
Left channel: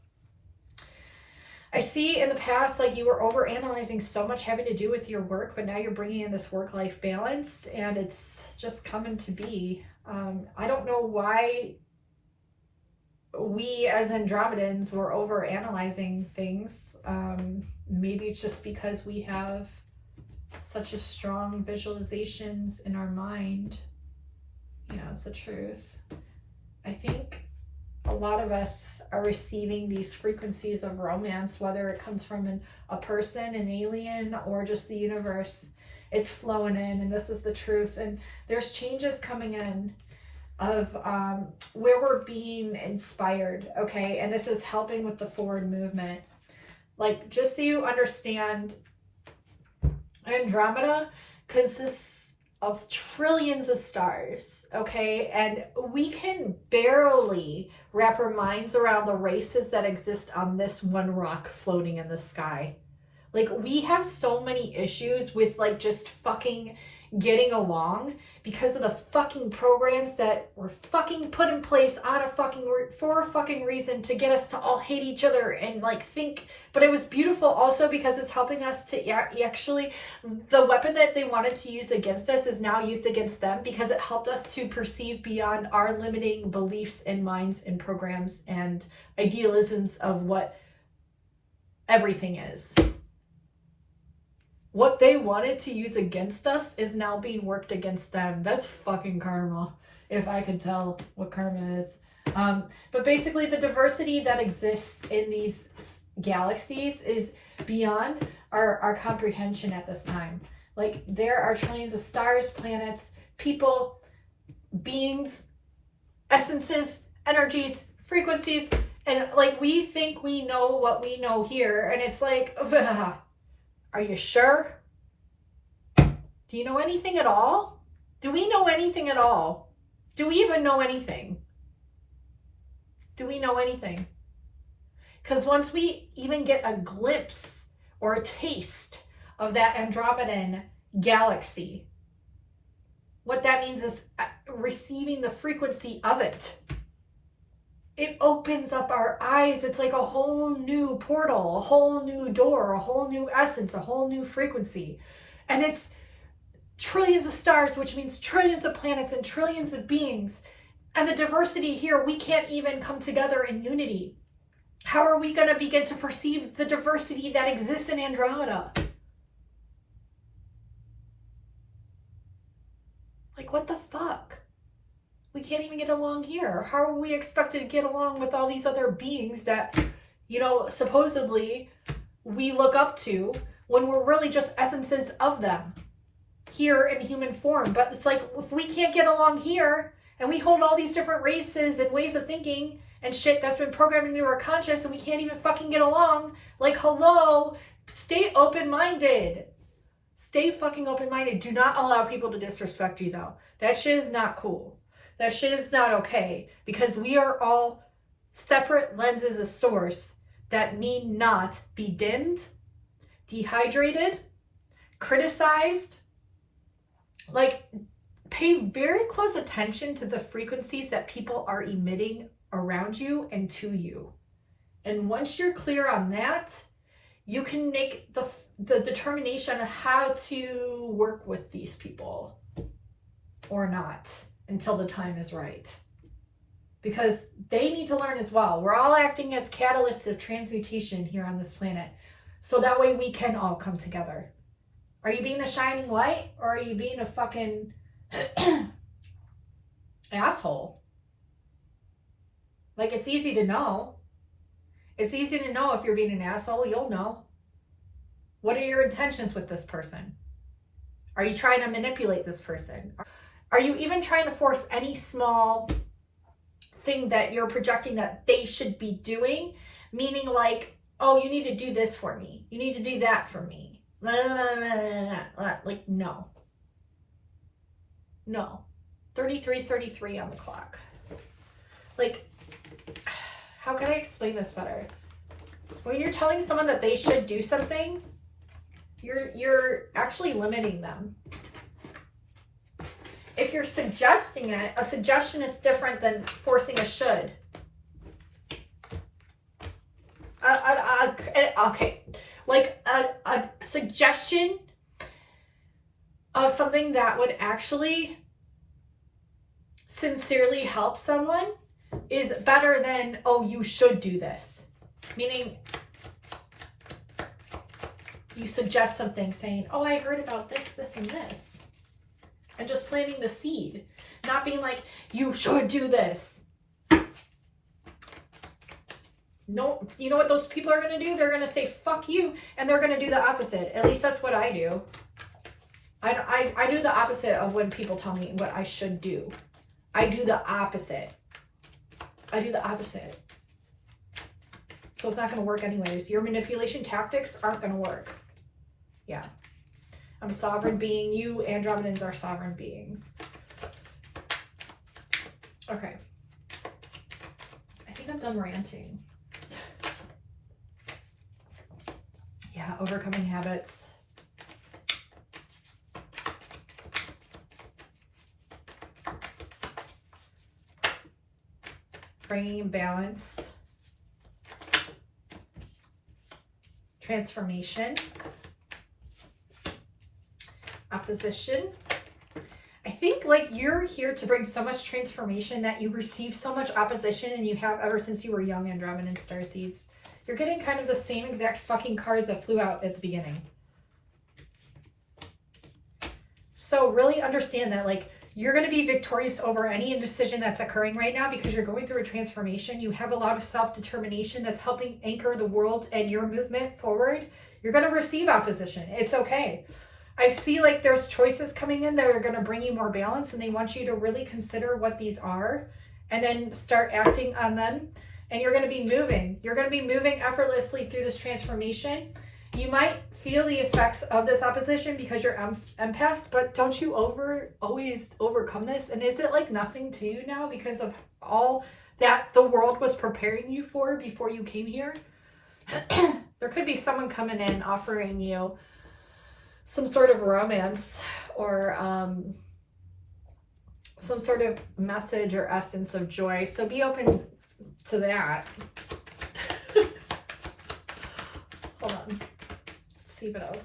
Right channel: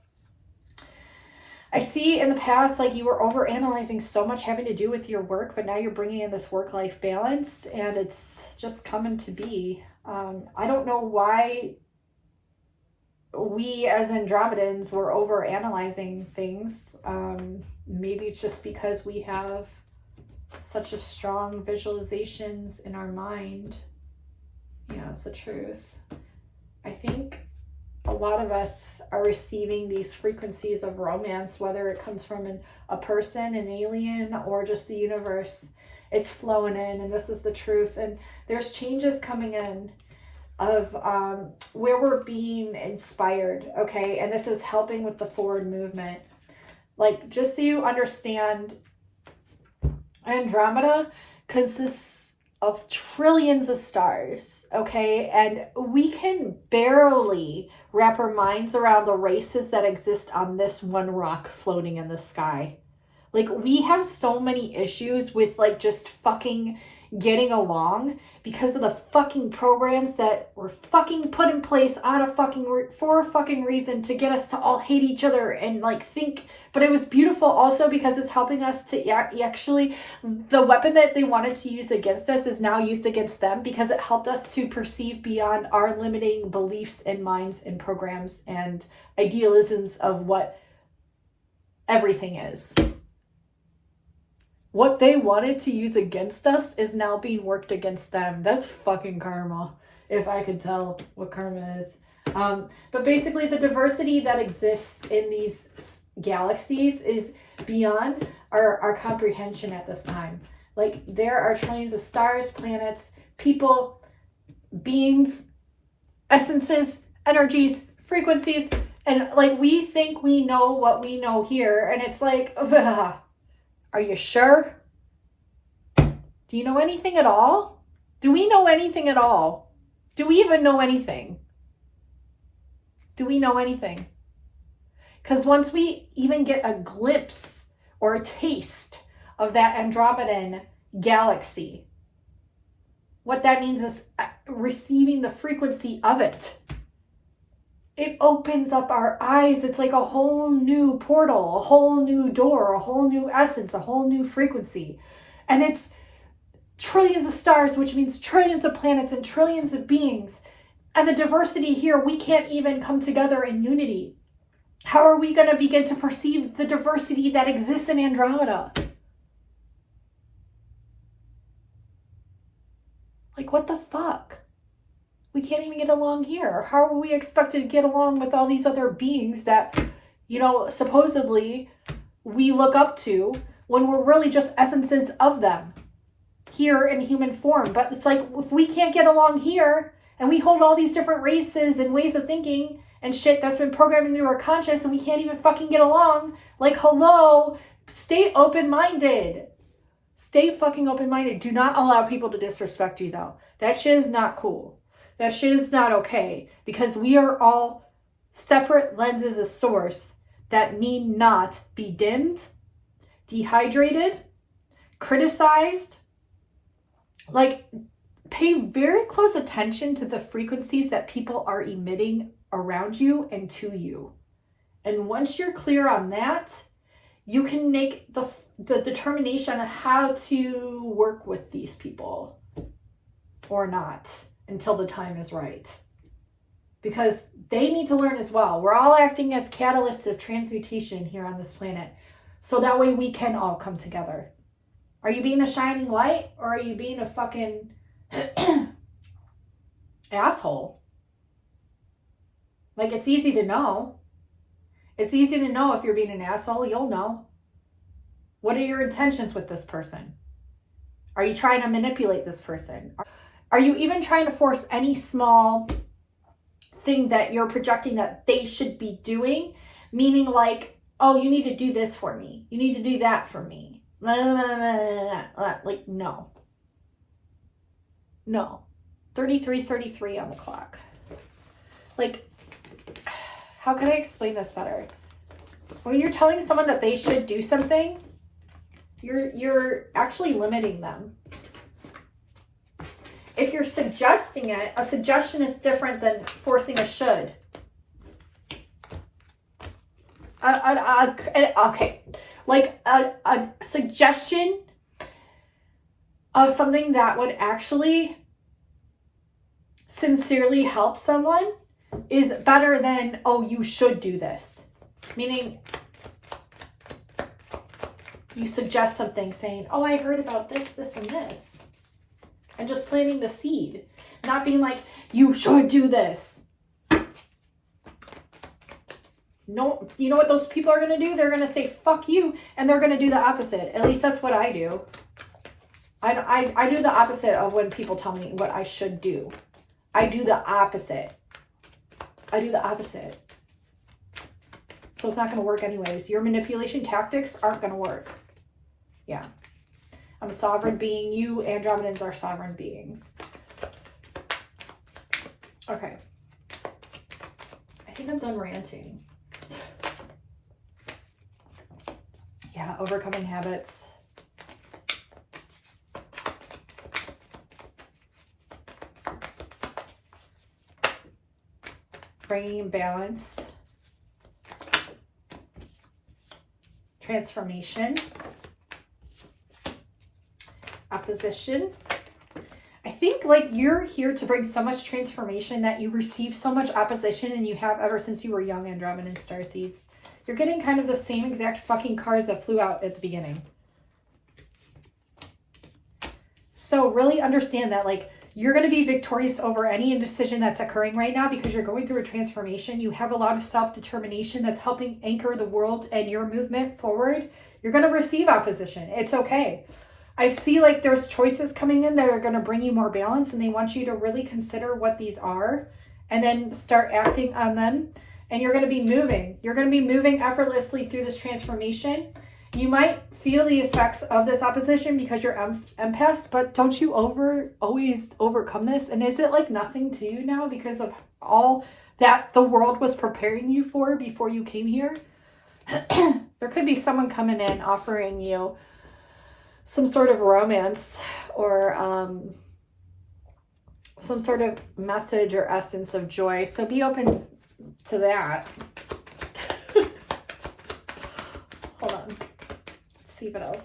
I see in the past, like, you were overanalyzing so much having to do with your work, but now you're bringing in this work-life balance, and it's just coming to be. I don't know why we as Andromedans were overanalyzing things. Maybe it's just because we have such a strong visualizations in our mind. Yeah, it's the truth. I think a lot of us are receiving these frequencies of romance, whether it comes from a person, an alien, or just the universe. It's flowing in, and this is the truth. And there's changes coming in of where we're being inspired, okay? And this is helping with the forward movement. Like, just so you understand, Andromeda consists of trillions of stars, okay? And we can barely wrap our minds around the races that exist on this one rock floating in the sky. Like, we have so many issues with, like, just fucking getting along because of the fucking programs that were fucking put in place for a fucking reason to get us to all hate each other and, like, think. But it was beautiful also because it's helping us to actually, the weapon that they wanted to use against us is now used against them, because it helped us to perceive beyond our limiting beliefs and minds and programs and idealisms of what everything is. What they wanted to use against us is now being worked against them. That's fucking karma, if I could tell what karma is. But basically, the diversity that exists in these galaxies is beyond our comprehension at this time. Like, there are trillions of stars, planets, people, beings, essences, energies, frequencies, and, like, we think we know what we know here, and it's like, ugh. Are you sure? Do you know anything at all? Do we know anything at all? Do we even know anything? Do we know anything? Because once we even get a glimpse or a taste of that Andromedan galaxy, what that means is receiving the frequency of it. It opens up our eyes. It's like a whole new portal, a whole new door, a whole new essence, a whole new frequency. And it's trillions of stars, which means trillions of planets and trillions of beings. And the diversity here, we can't even come together in unity. How are we going to begin to perceive the diversity that exists in Andromeda? Like, what the fuck? We can't even get along here. How are we expected to get along with all these other beings that, you know, supposedly we look up to when we're really just essences of them here in human form? But it's like, if we can't get along here and we hold all these different races and ways of thinking and shit that's been programmed into our conscious and we can't even fucking get along, like, hello, stay open-minded. Stay fucking open-minded. Do not allow people to disrespect you, though. That shit is not cool. That shit is not okay, because we are all separate lenses of source that need not be dimmed, dehydrated, criticized. Like, pay very close attention to the frequencies that people are emitting around you and to you. And once you're clear on that, you can make the determination on how to work with these people or not until the time is right. Because they need to learn as well. We're all acting as catalysts of transmutation here on this planet. So that way we can all come together. Are you being a shining light, or are you being a fucking asshole? Like, it's easy to know. It's easy to know if you're being an asshole. You'll know. What are your intentions with this person? Are you trying to manipulate this person? Are you even trying to force any small thing that you're projecting that they should be doing? Meaning like, oh, you need to do this for me. You need to do that for me. Like, no. No. 33:33 on the clock. Like, how can I explain this better? When you're telling someone that they should do something, you're actually limiting them. If you're suggesting it, a suggestion is different than forcing a should. Okay, like a suggestion of something that would actually sincerely help someone is better than, oh, you should do this. Meaning, you suggest something saying, oh, I heard about this, this, and this. And just planting the seed. Not being like, you should do this. No, you know what those people are going to do? They're going to say, fuck you. And they're going to do the opposite. At least that's what I do. I do the opposite of when people tell me what I should do. I do the opposite. I do the opposite. So it's not going to work anyways. Your manipulation tactics aren't going to work. Yeah. I'm a sovereign being. You Andromedans are sovereign beings. Okay. I think I'm done ranting. Yeah, overcoming habits. Bringing balance. Transformation. Opposition. I think like you're here to bring so much transformation that you receive so much opposition, and you have ever since you were young, Andromedan Starseeds. You're getting kind of the same exact fucking cards that flew out at the beginning. So really understand that like you're going to be victorious over any indecision that's occurring right now because you're going through a transformation. You have a lot of self-determination that's helping anchor the world and your movement forward. You're going to receive opposition. It's okay. I see like there's choices coming in that are going to bring you more balance, and they want you to really consider what these are and then start acting on them. And you're going to be moving. You're going to be moving effortlessly through this transformation. You might feel the effects of this opposition because you're empaths, but don't you always overcome this? And is it like nothing to you now because of all that the world was preparing you for before you came here? There could be someone coming in offering you some sort of romance or some sort of message or essence of joy. So be open to that. Hold on. Let's see what else.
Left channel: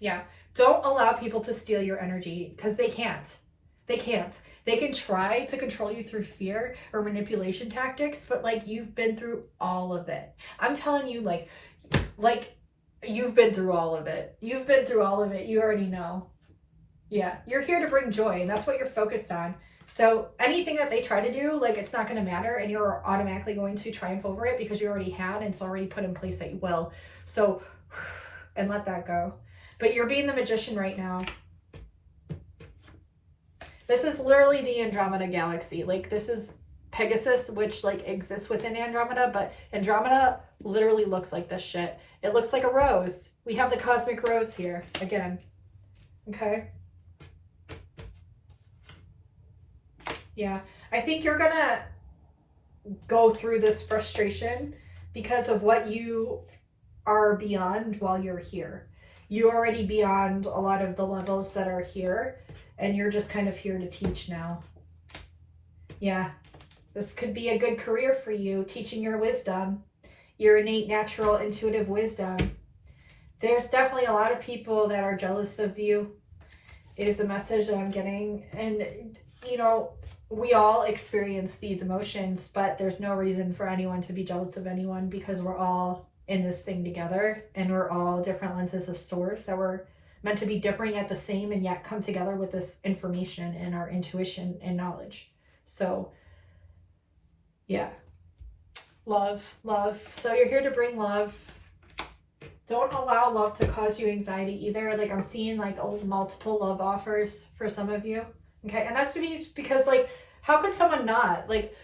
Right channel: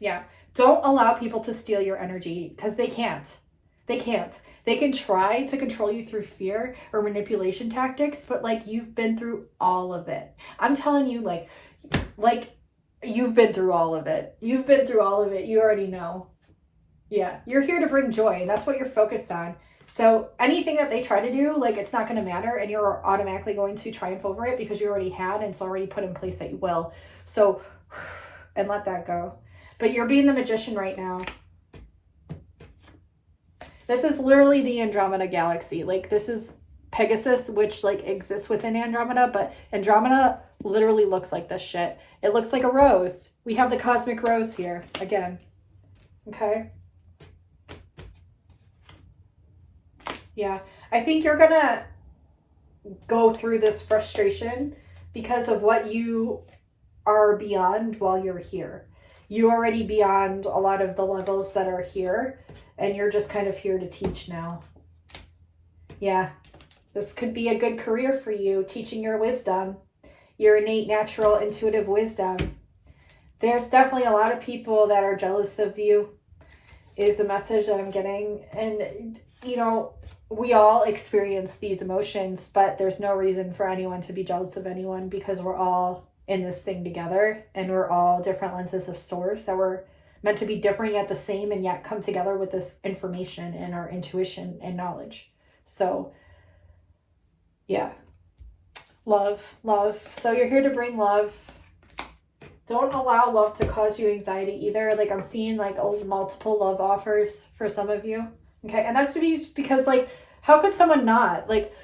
Yeah. Don't allow people to steal your energy, because they can't. They can't. They can try to control you through fear or manipulation tactics, but like, you've been through all of it. I'm telling you, like you've been through all of it. You've been through all of it. You already know. Yeah. You're here to bring joy, and that's what you're focused on. So anything that they try to do, like, it's not going to matter, and you're automatically going to triumph over it because you already had, and it's already put in place that you will. So, and let that go. But you're being the magician right now. This is literally the Andromeda galaxy. Like, this is Pegasus, which like exists within Andromeda, but Andromeda literally looks like this shit. It looks like a rose. We have the cosmic rose here again. Okay. Yeah. I think you're gonna go through this frustration because of what you are beyond while you're here. You're already beyond a lot of the levels that are here, and you're just kind of here to teach now. Yeah. This could be a good career for you, teaching your wisdom, your innate, natural, intuitive wisdom. There's definitely a lot of people that are jealous of you, is the message that I'm getting. And, you know, we all experience these emotions, but there's no reason for anyone to be jealous of anyone, because we're all in this thing together, and we're all different lenses of source that were meant to be different yet the same, and yet come together with this information and our intuition and knowledge. So yeah, love. So you're here to bring love. Don't allow love to cause you anxiety either. Like, I'm seeing like multiple love offers for some of you. Okay. And that's to be because, like, how could someone not? Like,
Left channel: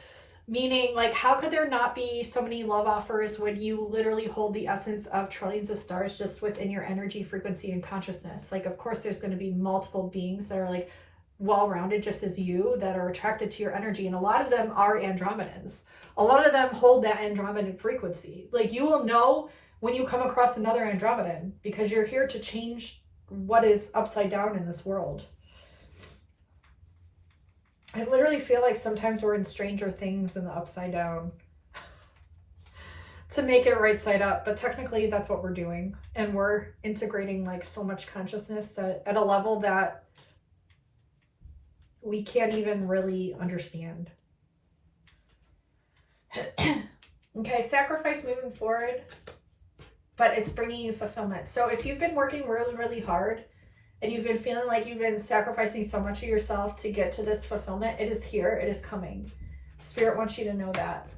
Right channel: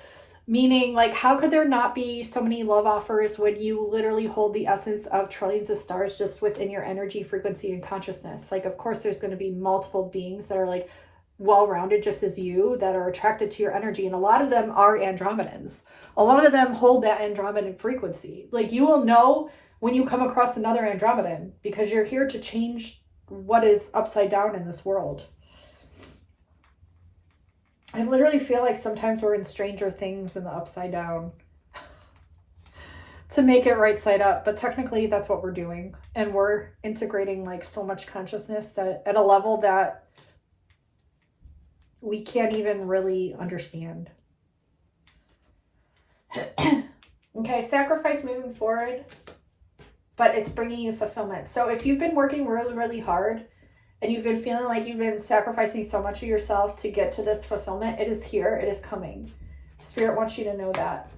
meaning, like, how could there not be so many love offers when you literally hold the essence of trillions of stars just within your energy, frequency, and consciousness? Like, of course, there's going to be multiple beings that are like well-rounded just as you, that are attracted to your energy, and a lot of them are Andromedans. A lot of them hold that Andromedan frequency. Like, you will know when you come across another Andromedan, because you're here to change what is upside down in this world. I literally feel like sometimes we're in Stranger Things in the upside down to make it right side up, but technically that's what we're doing, and we're integrating like so much consciousness that at a level that we can't even really understand. Okay, sacrifice moving forward, but it's bringing you fulfillment. So if you've been working really, really hard, and you've been feeling like you've been sacrificing so much of yourself to get to this fulfillment, it is here, it is coming. Spirit wants you to know that.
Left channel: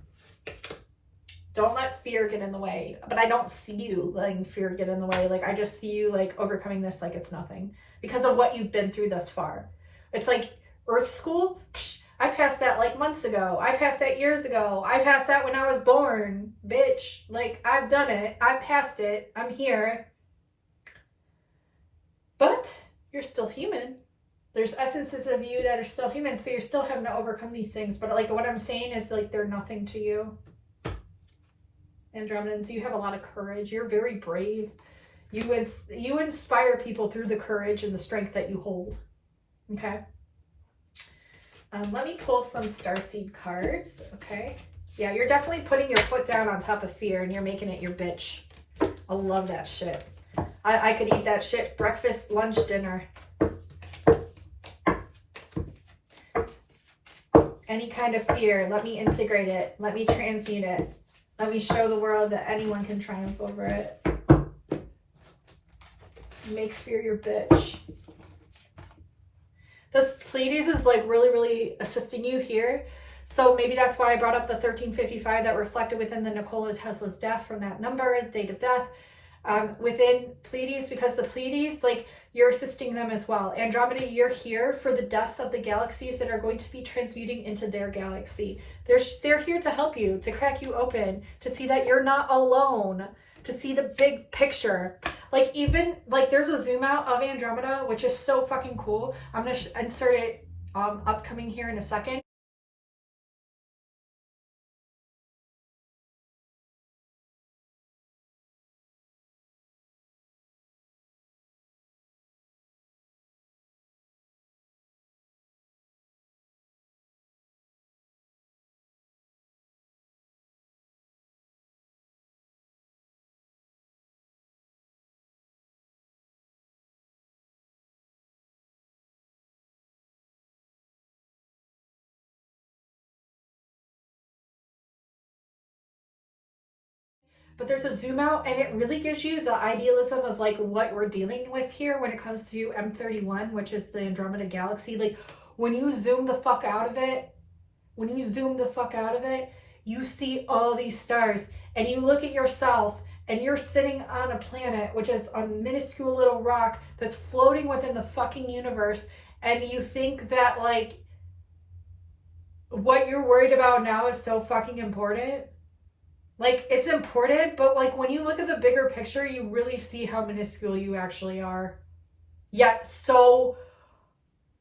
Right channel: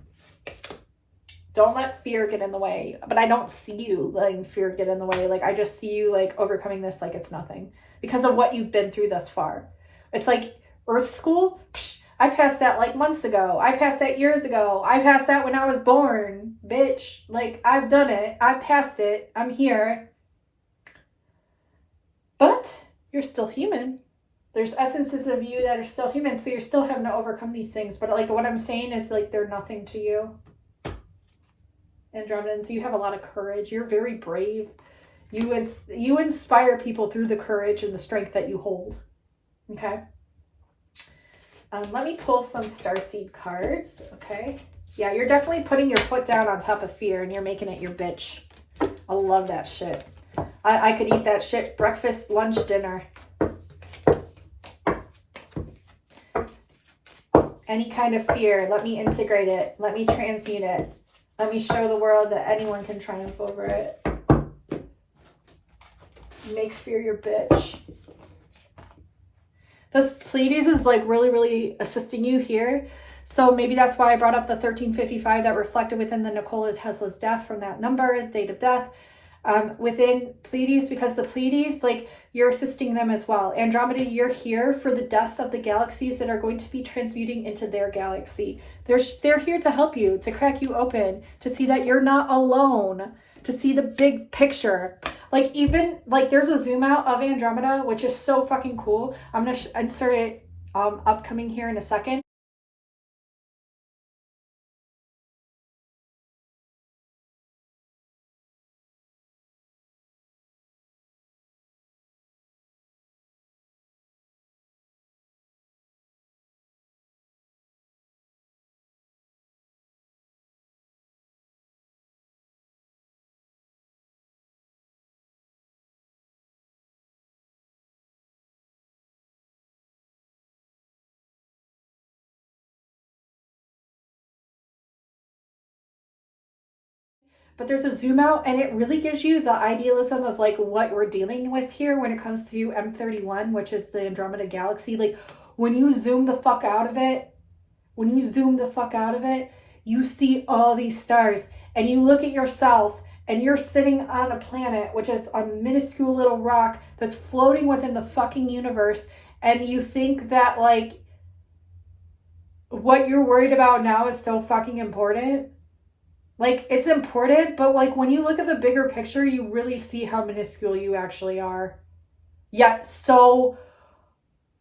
Don't let fear get in the way. But I don't see you letting fear get in the way. Like, I just see you like overcoming this like it's nothing, because of what you've been through thus far. It's like Earth School. Psh, I passed that like months ago. I passed that years ago. I passed that when I was born, bitch. Like, I've done it. I passed it. I'm here. But you're still human. There's essences of you that are still human, so you're still having to overcome these things. But like, what I'm saying is, like, they're nothing to you. Andromedans, you have a lot of courage. You're very brave. You inspire people through the courage and the strength that you hold. Okay. Let me pull some Starseed cards. Okay. Yeah, you're definitely putting your foot down on top of fear, and you're making it your bitch. I love that shit. I could eat that shit breakfast, lunch, dinner. Any kind of fear, let me integrate it. Let me transmute it. Let me show the world that anyone can triumph over it. Make fear your bitch. This Pleiades is like really, really assisting you here. So maybe that's why I brought up the 1355 that reflected within the Nikola Tesla's death from that number, date of death. Within Pleiades, because the Pleiades, like, you're assisting them as well. Andromeda, you're here for the death of the galaxies that are going to be transmuting into their galaxy. They're here to help you, to crack you open, to see that you're not alone, to see the big picture. Like, even, like, there's a zoom out of Andromeda, which is so fucking cool. I'm going to insert it upcoming here in a second. but there's a zoom out, and it really gives you the idealism of like what we're dealing with here when it comes to M31, which is the Andromeda galaxy. Like when you zoom the fuck out of it, you see all these stars, and you look at yourself, and you're sitting on a planet, which is a minuscule little rock that's floating within the fucking universe, and you think that like what you're worried about now is so fucking important. Like, it's important, but like when you look at the bigger picture, you really see how minuscule you actually are. Yet so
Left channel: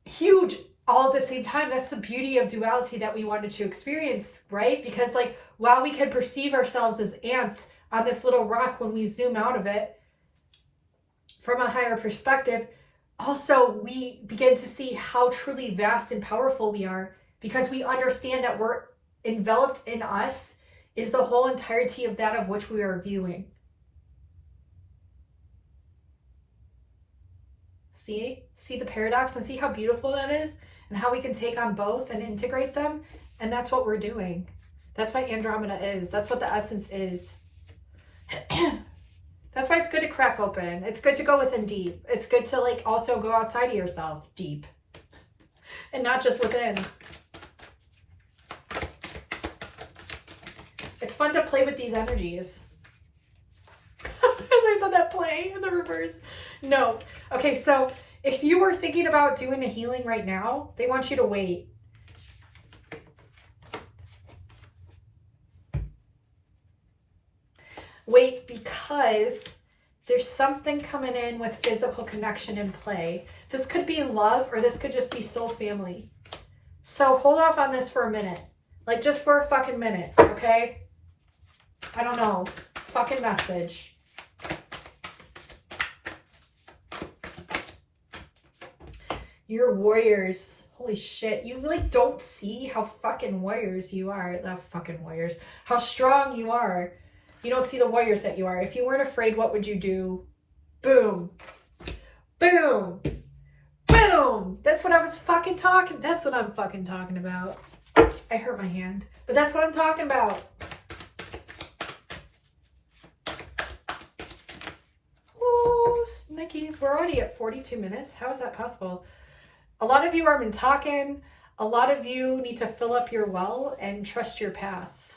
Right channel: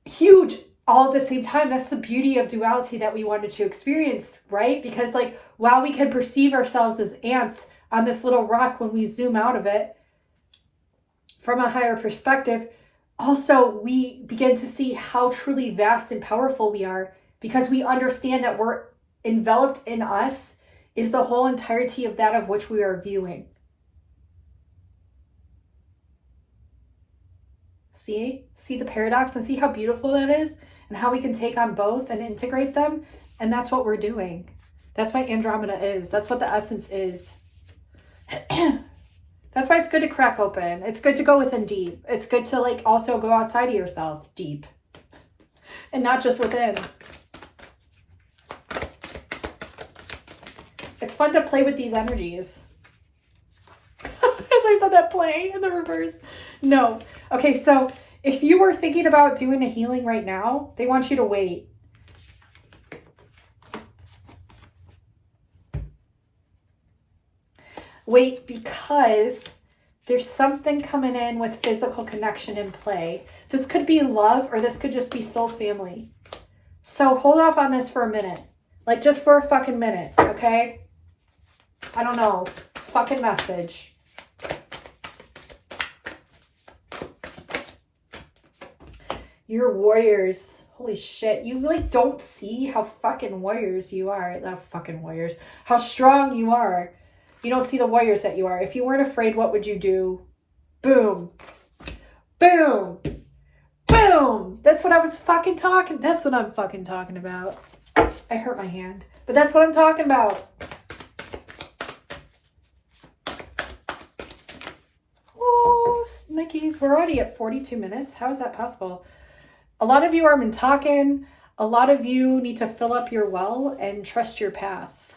huge all at the same time. That's the beauty of duality that we wanted to experience, right? Because like while we can perceive ourselves as ants on this little rock, when we zoom out of it from a higher perspective, also we begin to see how truly vast and powerful we are, because we understand that we're enveloped in us is the whole entirety of that of which we are viewing. See the paradox, and see how beautiful that is, and how we can take on both and integrate them. And that's what we're doing. That's what Andromeda is. That's what the essence is. That's why it's good to crack open. It's good to go within deep. It's good to like also go outside of yourself deep, and not just within. It's fun to play with these energies. As I said that, play in the reverse. No. Okay, so if you were thinking about doing a healing right now, they want you to wait. Wait, because there's something coming in with physical connection in play. This could be love, or this could just be soul family. So hold off on this for a minute. Like just for a fucking minute, okay? I don't know. Fucking message. You're warriors. Holy shit. You like don't see how fucking warriors you are. Not fucking warriors. How strong you are. You don't see the warriors that you are. If you weren't afraid, what would you do? Boom. Boom. Boom. That's what I was fucking talking. That's what I'm fucking talking about. I hurt my hand. But that's what I'm talking about. Snickies, we're already at 42 minutes. How is that possible? A lot of you are talking. A lot of you need to fill up your well and trust your path.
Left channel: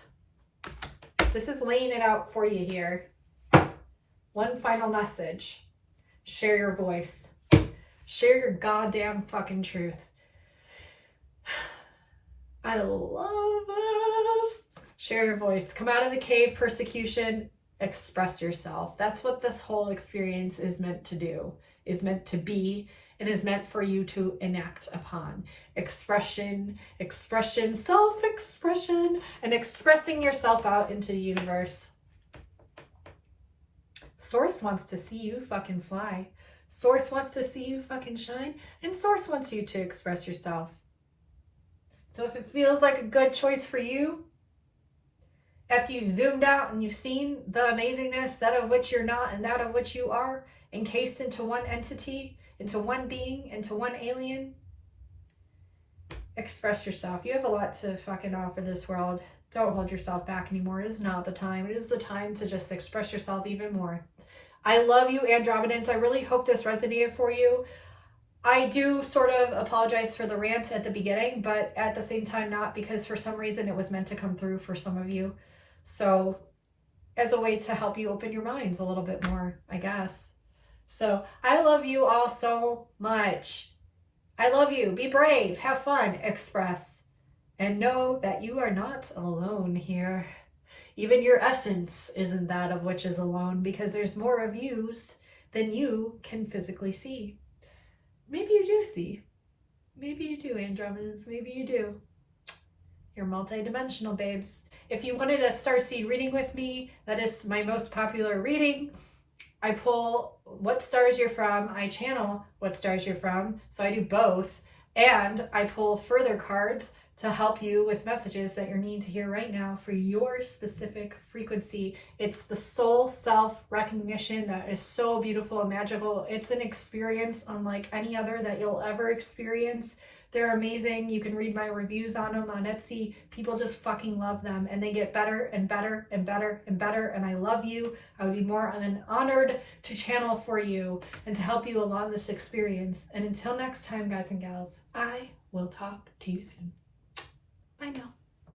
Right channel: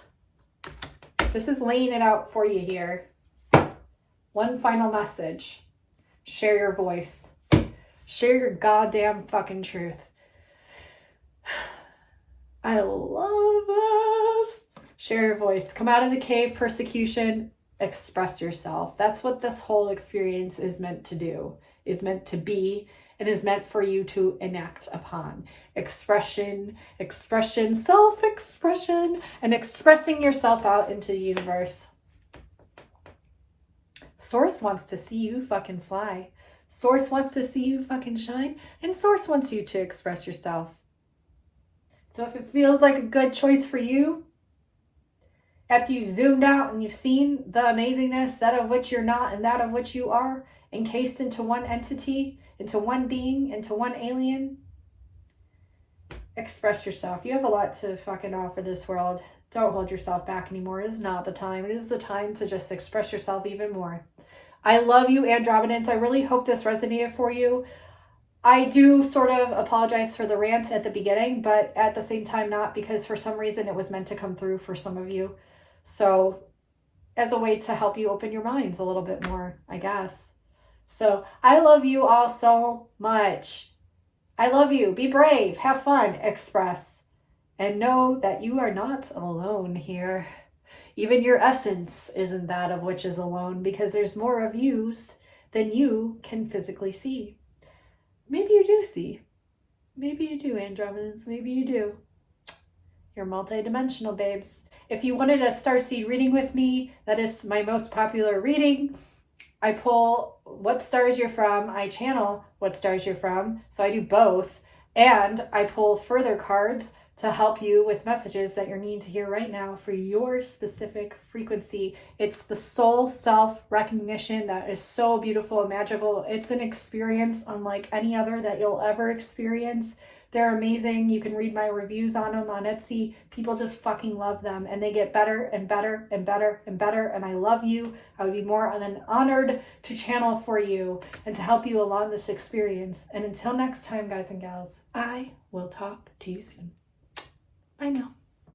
This is laying it out for you here. One final message. Share your voice. Share your goddamn fucking truth. I love this. Share your voice. Come out of the cave, persecution. Express yourself. That's what this whole experience is meant to do, is meant to be, and is meant for you to enact upon. Expression, self-expression, and expressing yourself out into the universe. Source wants to see you fucking fly. Source wants to see you fucking shine, and Source wants you to express yourself. So if it feels like a good choice for you, after you've zoomed out and you've seen the amazingness, that of which you're not and that of which you are, encased into one entity, into one being, into one alien, express yourself. You have a lot to fucking offer this world. Don't hold yourself back anymore. It is not the time. It is the time to just express yourself even more. I love you, Andromedans. I really hope this resonated for you. I do sort of apologize for the rant at the beginning, but at the same time not, because for some reason it was meant to come through for some of you. So as a way to help you open your minds a little bit more, I guess. So I love you all so much. I love you. Be brave. Have fun. Express. And know that you are not alone here. Even your essence isn't that of which is alone, because there's more of yous than you can physically see. Maybe you do see. Maybe you do, Andromedans. Maybe you do. You're multidimensional, babes. If you wanted a starseed reading with me, that is my most popular reading. I pull what stars you're from. I channel what stars you're from. So I do both. And I pull further cards to help you with messages that you're needing to hear right now for your specific frequency. It's the soul self-recognition that is so beautiful and magical. It's an experience unlike any other that you'll ever experience, They're amazing. You can read my reviews on them on Etsy. People just fucking love them, and they get better and better and better and better. And I love you. I would be more than honored to channel for you and to help you along this experience. And until next time, guys and gals, I will talk to you soon. Bye now.